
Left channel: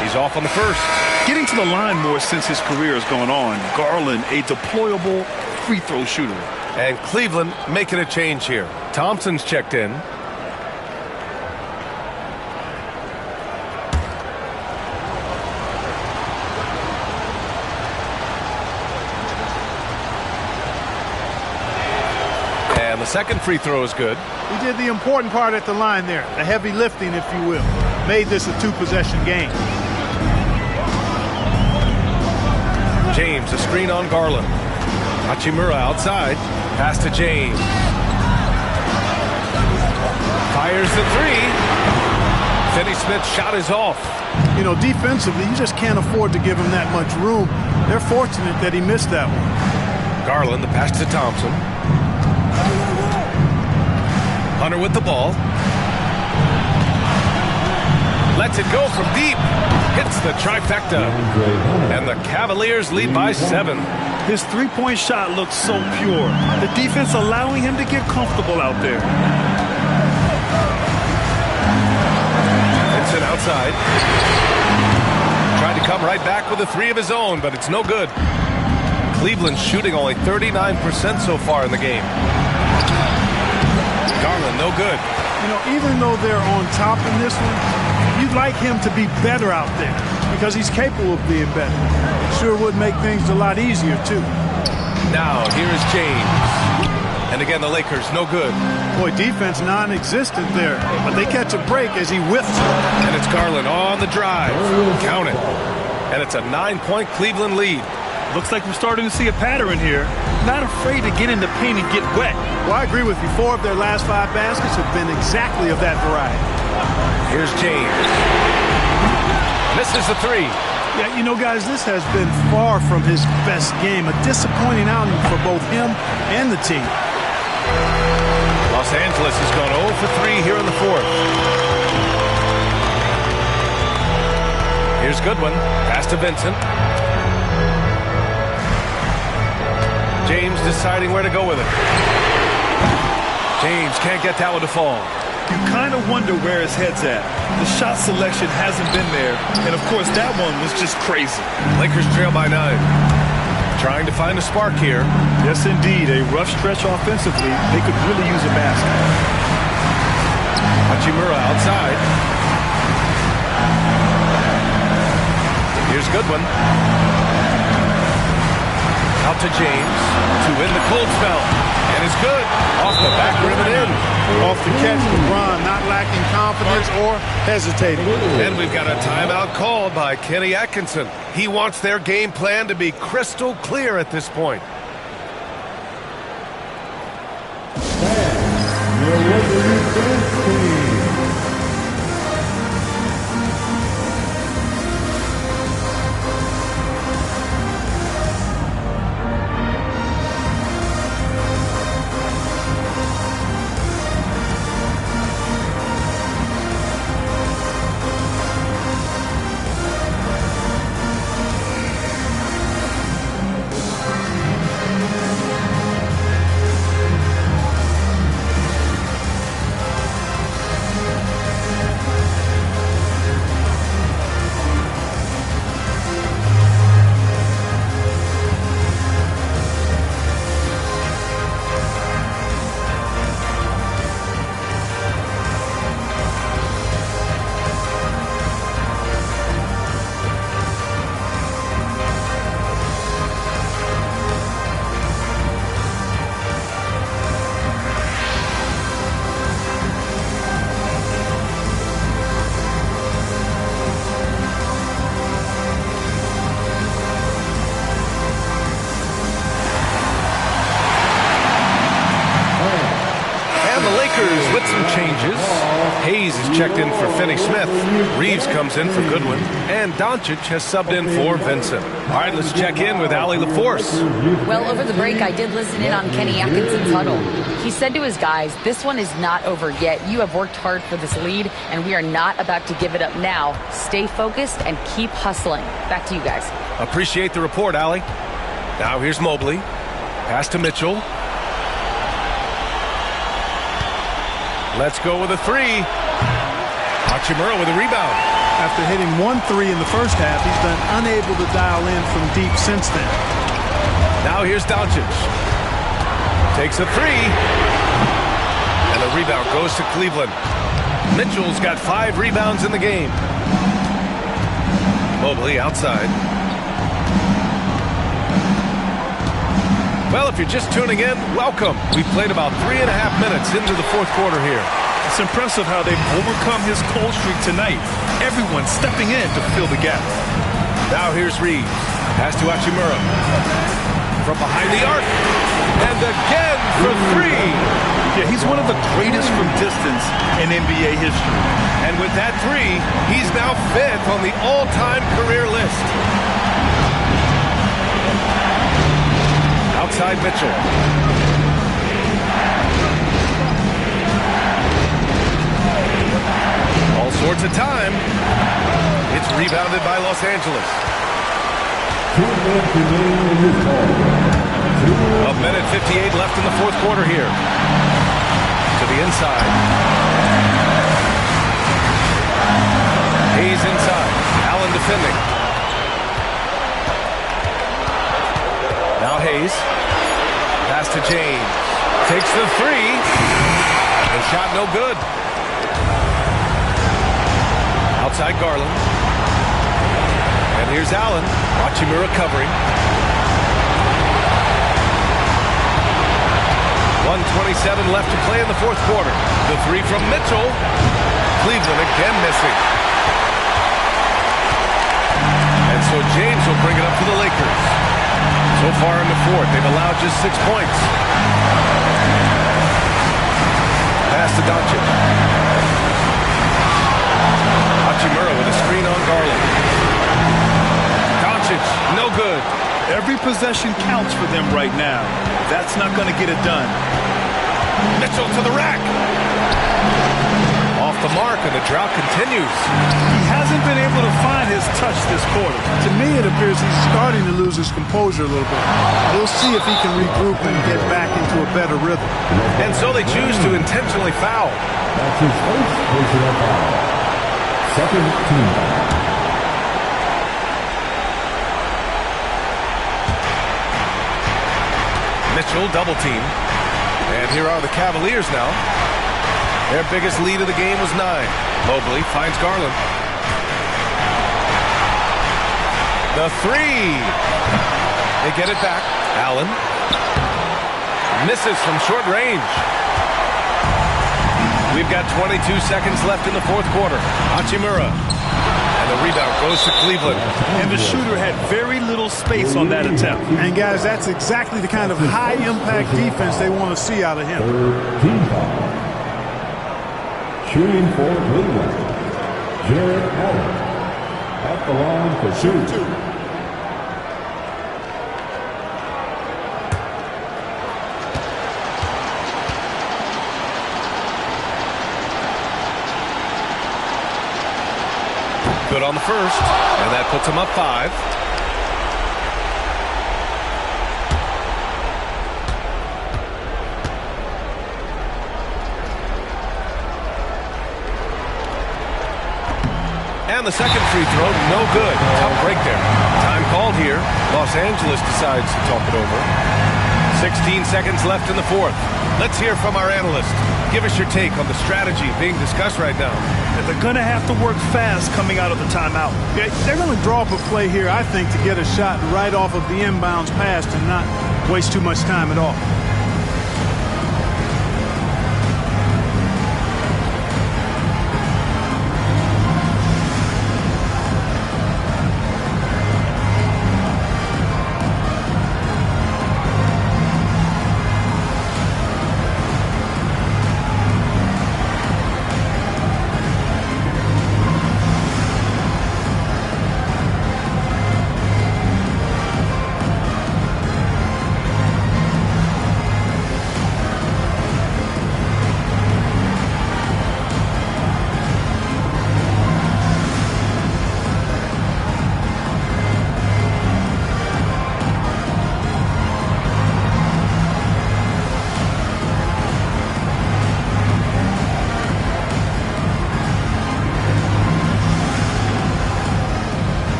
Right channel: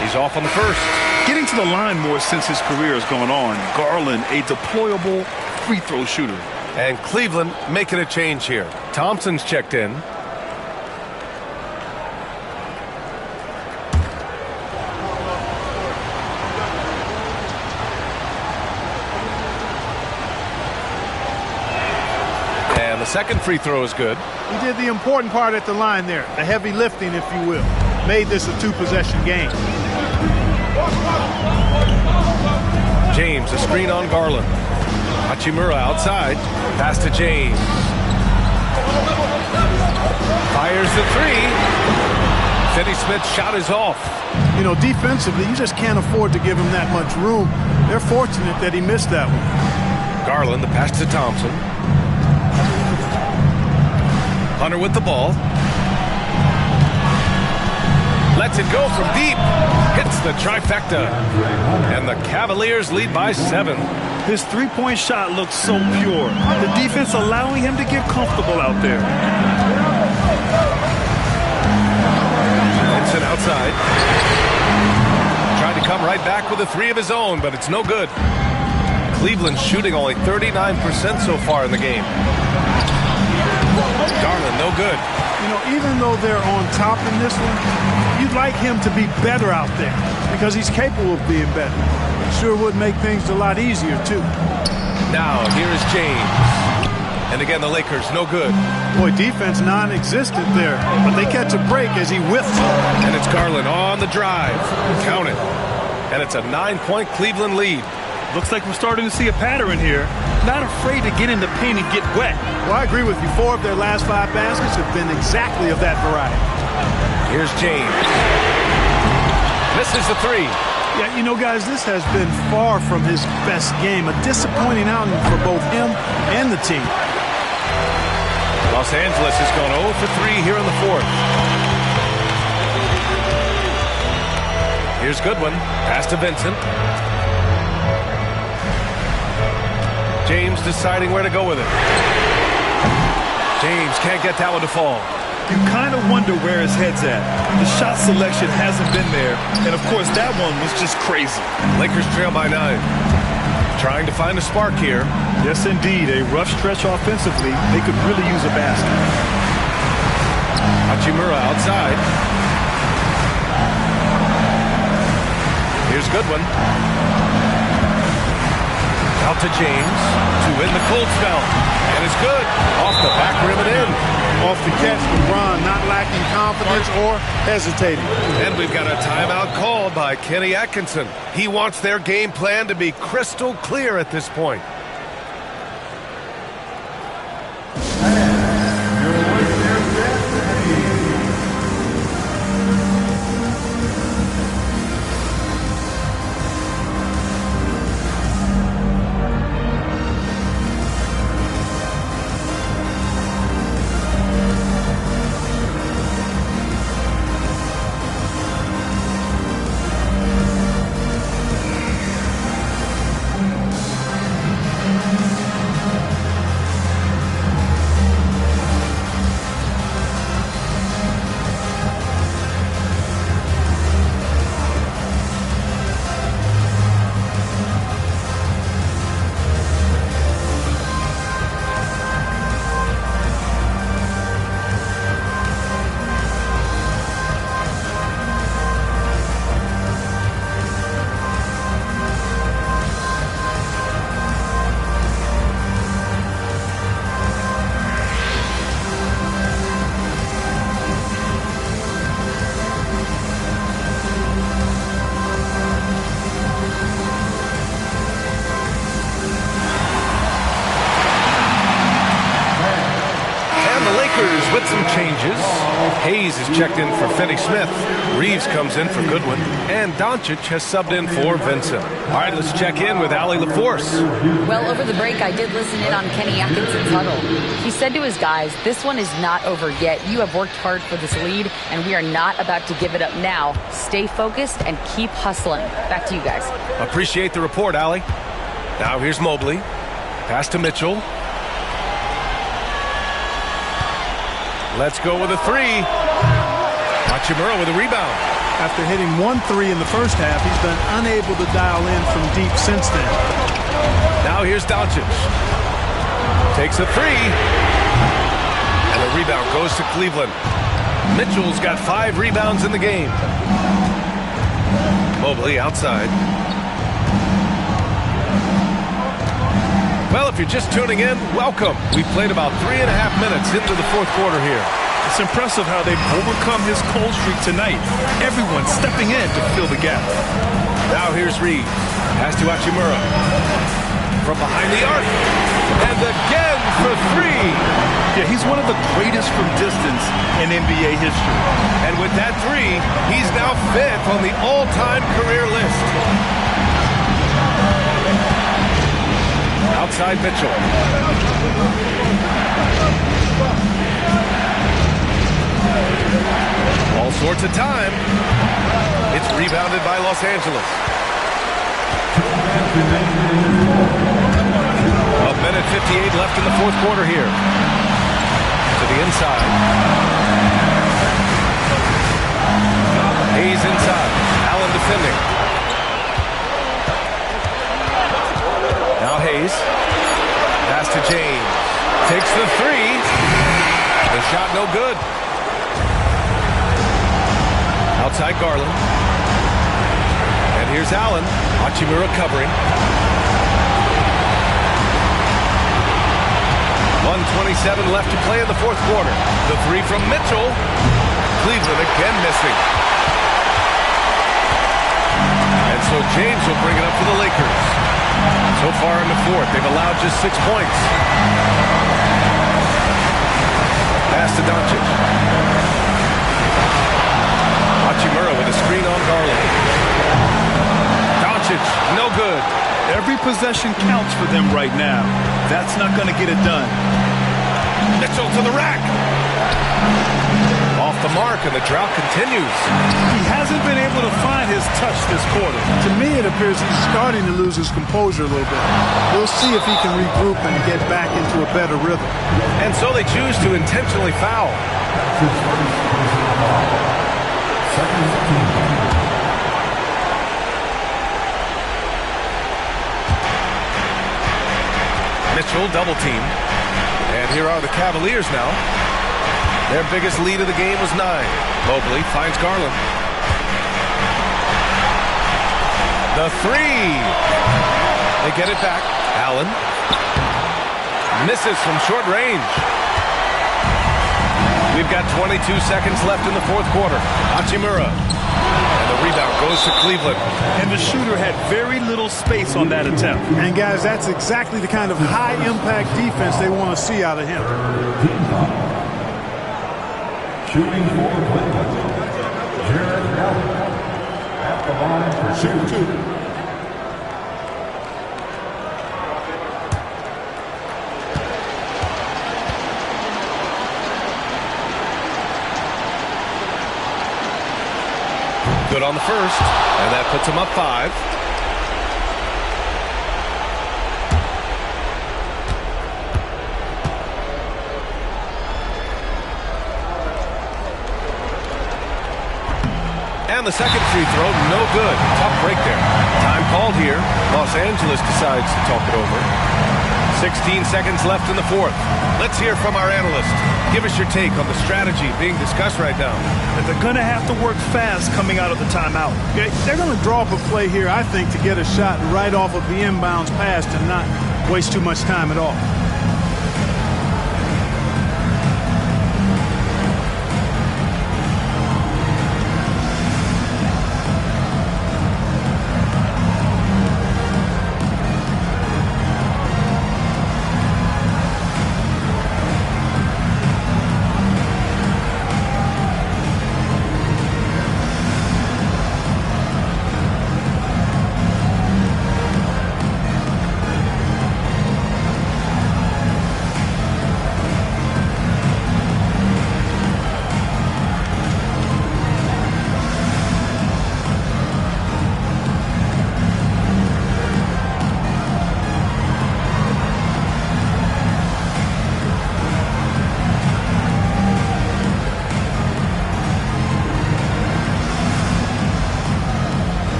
He's off on the first. Getting to the line more since his career has gone on. Garland, a deployable free throw shooter. And Cleveland making a change here. Thompson's checked in. And the second free throw is good. He did the important part at the line there, the heavy lifting, if you will. Made this a 2-possession game. James, a screen on Garland. Hachimura outside. Pass to James. Fires the 3. Finney-Smith's shot is off. You know, defensively, you just can't afford to give him that much room. They're fortunate that he missed that one. Garland, the pass to Thompson. Hunter with the ball. Lets it go from deep. Hits the trifecta. And the Cavaliers lead by 7. His three-point shot looks so pure. The defense allowing him to get comfortable out there. Vincent outside. Tried to come right back with a 3 of his own, but it's no good. Cleveland's shooting only 39% so far in the game. Garland, no good. You know, even though they're on top in this one, you'd like him to be better out there because he's capable of being better. It sure would make things a lot easier, too. Now, here is James. And again, the Lakers, no good. Boy, defense non-existent there, but they catch a break as he whiffs it. And it's Garland on the drive. Count it. And it's a 9-point Cleveland lead. Looks like we're starting to see a pattern here. Not afraid to get in the paint and get wet. Well, I agree with you. 4 of their last 5 baskets have been exactly of that variety. Here's James. Misses the 3. Yeah, you know, guys, this has been far from his best game. A disappointing outing for both him and the team. Los Angeles has gone 0 for 3 here in the fourth. Here's Goodwin. Pass to Vincent. James deciding where to go with it. James can't get that one to fall. You kind of wonder where his head's at. The shot selection hasn't been there. And, of course, that one was just crazy. Lakers trail by 9. Trying to find a spark here. Yes, indeed. A rough stretch offensively. They could really use a basket. Hachimura outside. Here's Goodwin. Out to James to win the cold spell. And it's good. Off the back rim and in. Off the catch, LeBron not lacking confidence or hesitating. And we've got a timeout called by Kenny Atkinson. He wants their game plan to be crystal clear at this point. the Lakers with some changes. Hayes is checked in for Finney-Smith. Reeves comes in for Goodwin. And Doncic has subbed in for Vincent. All right, let's check in with Allie LaForce. Well, over the break, I did listen in on Kenny Atkinson's huddle. He said to his guys, this one is not over yet. You have worked hard for this lead, and we are not about to give it up now. Stay focused and keep hustling. Back to you guys. Appreciate the report, Allie. Now here's Mobley. Pass to Mitchell. Let's go with a three. Hachimura with a rebound. After hitting 1 3 in the first half, he's been unable to dial in from deep since then. Now here's Doncic. Takes a three. And the rebound goes to Cleveland. Mitchell's got 5 rebounds in the game. Mobley outside. Well, if you're just tuning in, welcome. We played about 3.5 minutes into the fourth quarter here. It's impressive how they've overcome his cold streak tonight. Everyone stepping in to fill the gap. Now here's Reeves. Pass to Hachimura. From behind the arc. And again for 3. Yeah, he's one of the greatest from distance in NBA history. And with that 3, he's now 5th on the all-time career list. Outside Mitchell. All sorts of time. It's rebounded by Los Angeles. 1:58 left in the fourth quarter here. To the inside. Hayes inside. Allen defending. Now Hayes. Pass to James. Takes the 3. The shot no good. Outside Garland. And here's Allen. Hachimura covering. 1:27 left to play in the fourth quarter. The 3 from Mitchell. Cleveland again missing. And so James will bring it up for the Lakers. So far in the fourth, they've allowed just 6 points. Pass to Doncic. Hachimura with a screen on Garland. Doncic, no good. Every possession counts for them right now. That's not going to get it done. Mitchell to the rack. Off the mark, and the drought continues. He hasn't been able to find his touch this quarter. To me, it appears he's starting to lose his composure a little bit. We'll see if he can regroup and get back into a better rhythm. And so they choose to intentionally foul. That's his first personal foul. Second team foul. Mitchell double team. And here are the Cavaliers now. Their biggest lead of the game was 9. Mobley finds Garland. The 3. They get it back. Allen. Misses from short range. We've got 22 seconds left in the fourth quarter. Hachimura. And the rebound goes to Cleveland. And the shooter had very little space on that attempt. And guys, that's exactly the kind of high-impact defense they want to see out of him. Third team foul. Shooting for Cleveland, Jared Allen at the line for 2. Good on the first, and that puts him up 5. And the second free throw, no good. Tough break there. Time called here. Los Angeles decides to talk it over. 16 seconds left in the fourth. Let's hear from our analyst. Give us your take on the strategy being discussed right now. And they're going to have to work fast coming out of the timeout. Yeah, they're going to draw up a play here, I think, to get a shot right off of the inbounds pass and not waste too much time at all.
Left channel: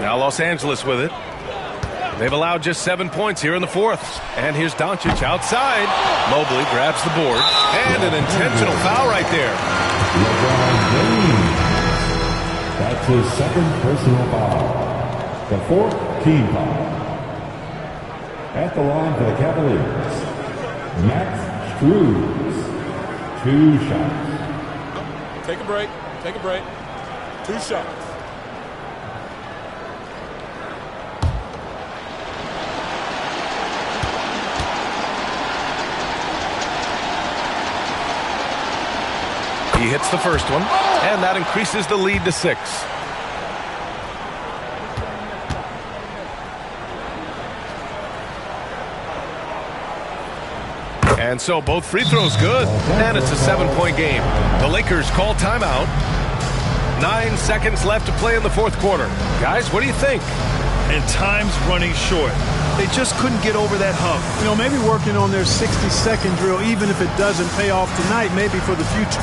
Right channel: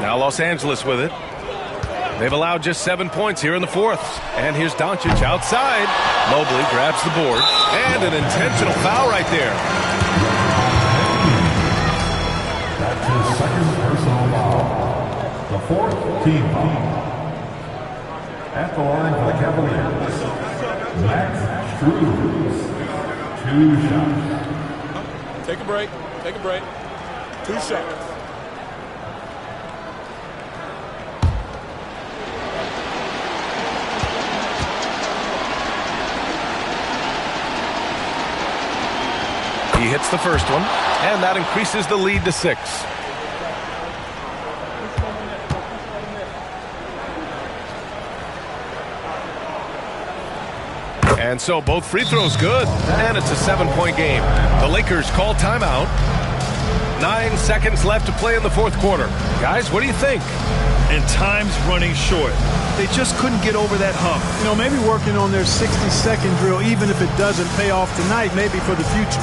Now Los Angeles with it. They've allowed just 7 points here in the fourth. And here's Doncic outside. Mobley grabs the board. And an intentional foul right there. That's his second personal foul. The fourth team foul. At the line for the Cavaliers, Max Strus. 2 shots. Take a break. Take a break. 2 shots. He hits the first one, and that increases the lead to 6. And so both free throws good, and it's a 7-point game. The Lakers call timeout. 9 seconds left to play in the fourth quarter. Guys, what do you think? And time's running short. They just couldn't get over that hump. You know, maybe working on their 60-second drill, even if it doesn't pay off tonight, maybe for the future.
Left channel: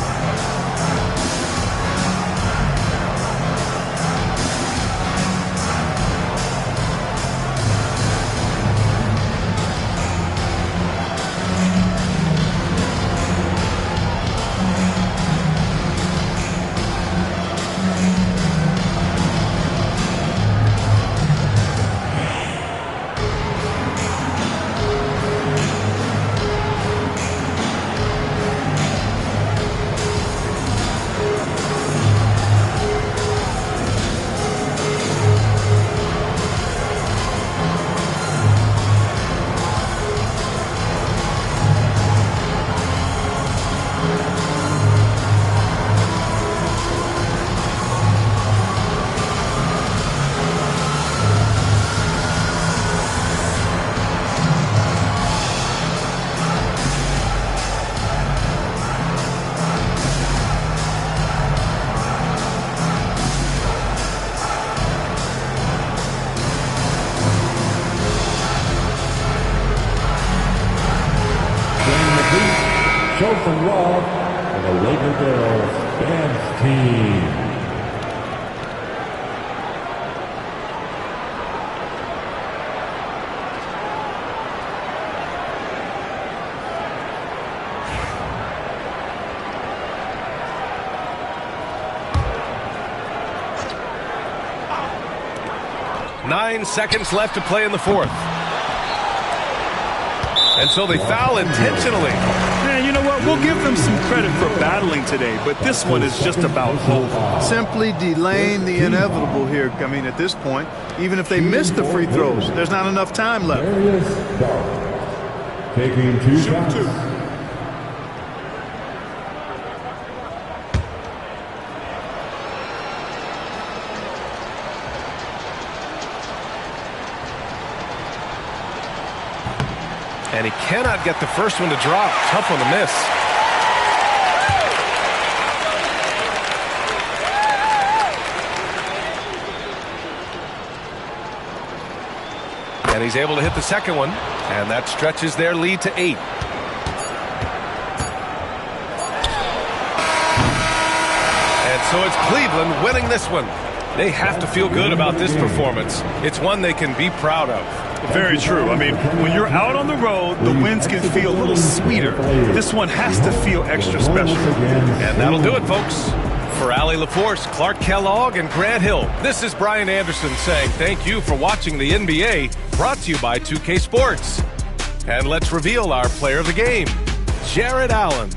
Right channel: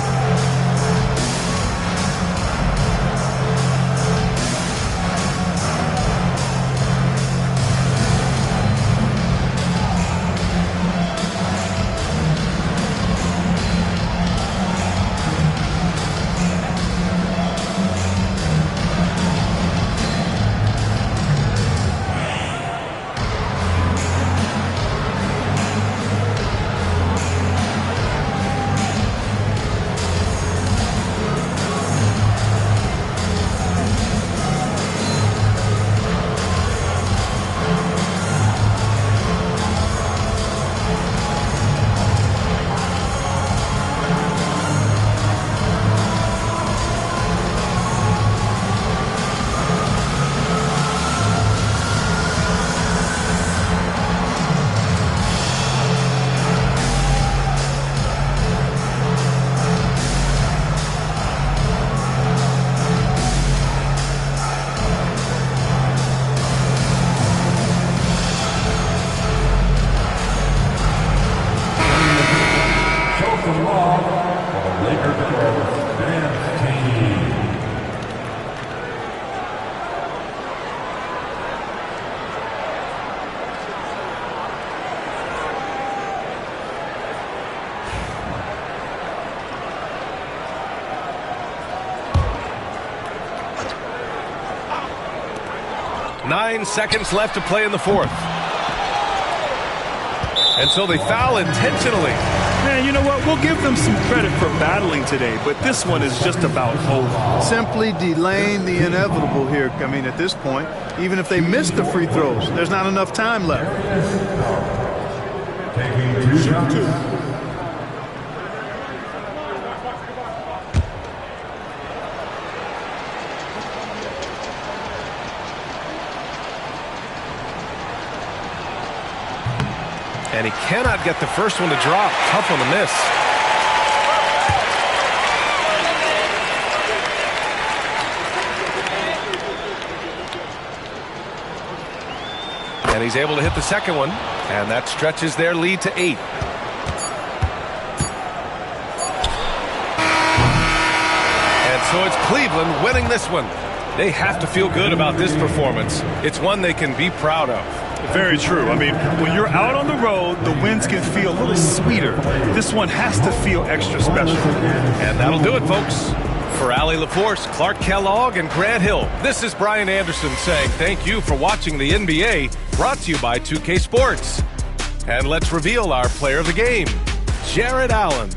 Show some love for the Laker Girls Dance Team. Nine seconds left to play in the fourth. And so they foul intentionally. Man, you know what? We'll give them some credit for battling today, but this one is just about over. Simply delaying the inevitable here. I mean, at this point, even if they miss the free throws, there's not enough time left. Taking 2 shots. And he cannot get the first one to drop. Tough one to miss. And he's able to hit the second one. And that stretches their lead to 8. And so it's Cleveland winning this one. They have to feel good about this performance. It's one they can be proud of. Very true. I mean, when you're out on the road, the wins can feel a little sweeter. This one has to feel extra special. And that'll do it, folks. For Allie LaForce, Clark Kellogg, and Grant Hill, this is Brian Anderson saying thank you for watching the NBA, brought to you by 2K Sports. And let's reveal our player of the game, Jared Allen.